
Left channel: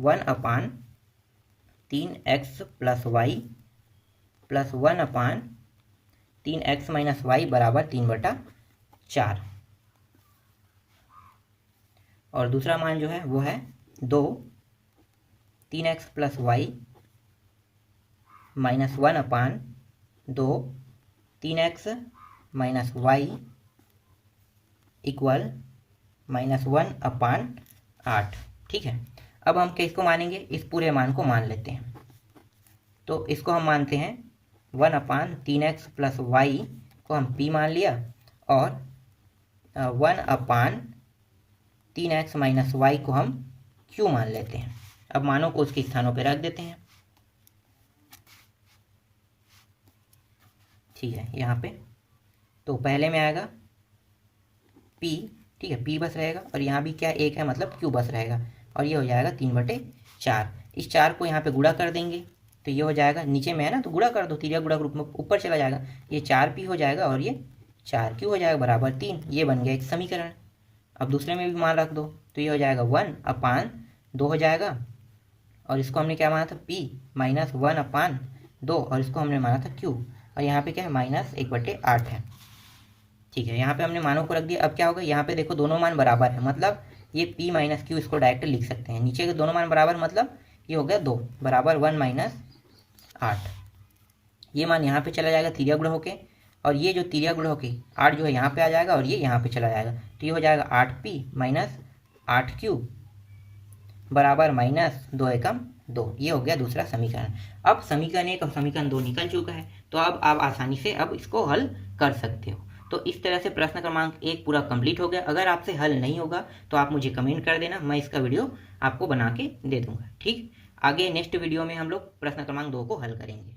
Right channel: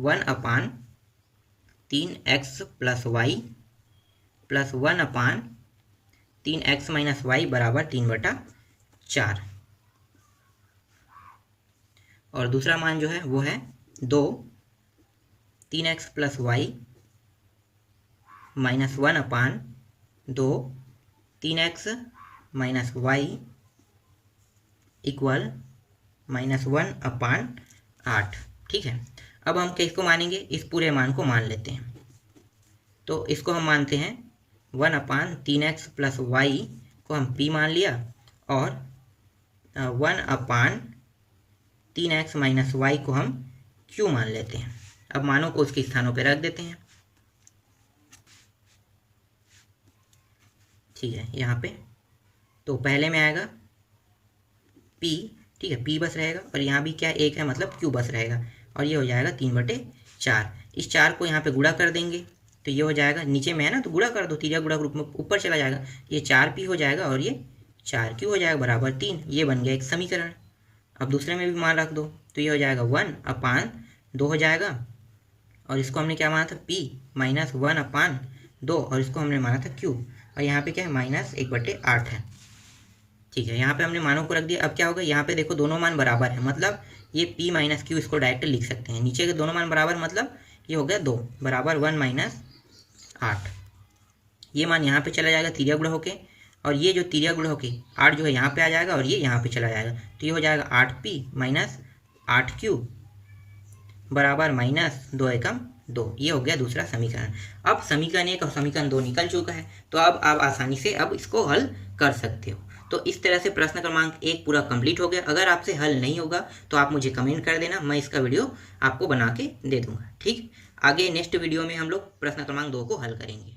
1/3x + y + 1/3x - y बराबर 3/4। और दूसरा मान जो है वो है 2 3x + y - 1/2 3x - y equal -1/8। ठीक है, अब हम किसको मानेंगे, इस पूरे मान को मान लेते हैं। तो इसको हम मानते हैं 1/3x + y को हम p मान लिया, और 1/3x - y को हम q मान लेते हैं। अब मानों को उसके स्थानों पर रख देते हैं। ठीक है, यहाँ पे तो पहले में आएगा p, ठीक है, p बस रहेगा, और यहाँ भी क्या 1 है मतलब q बस रहेगा, और ये हो जाएगा 3/4। इस 4 को यहाँ पे गुणा कर देंगे तो ये हो जाएगा, नीचे में है ना तो गुणा कर दो, तिर्यक गुणा रूप में ऊपर चला जाएगा, ये 4p हो जाएगा और ये 4q हो जाएगा बराबर 3। ये बन गया एक समीकरण। अब दूसरे में भी मान रख दो तो ये हो जाएगा 1/2 हो जाएगा, और इसको हमने क्या माना था p -1/2, और इसको हमने माना था q, और यहाँ पे क्या है -1/8 है। ठीक है, यहाँ पे हमने मानों को रख दिया। अब क्या होगा, यहाँ पे देखो दोनों मान बराबर है, मतलब ये p - q इसको डायरेक्ट लिख सकते हैं। नीचे के दोनों मान बराबर मतलब ये हो गया 2 बराबर 1 - 8। ये मान यहाँ पे चला जाएगा तिर्यक गुणा होके, और ये जो तिर्यक गुणा होके 8 जो है यहाँ पे आ जाएगा, और ये यहाँ पे चला जाएगा, तो ये हो जाएगा 8p - 8q बराबर -2 एकम 2। ये हो गया दूसरा समीकरण। अब समीकरण 1 और समीकरण 2 निकल चुका है, तो अब आप आसानी से अब इसको हल कर सकते हो। तो इस तरह से प्रश्न क्रमांक 1 पूरा कंप्लीट हो गया। अगर आपसे हल नहीं होगा तो आप मुझे कमेंट कर देना, मैं इसका वीडियो आपको बना के दे दूंगा। ठीक, आगे नेक्स्ट वीडियो में हम लोग प्रश्न क्रमांक 2 को हल करेंगे।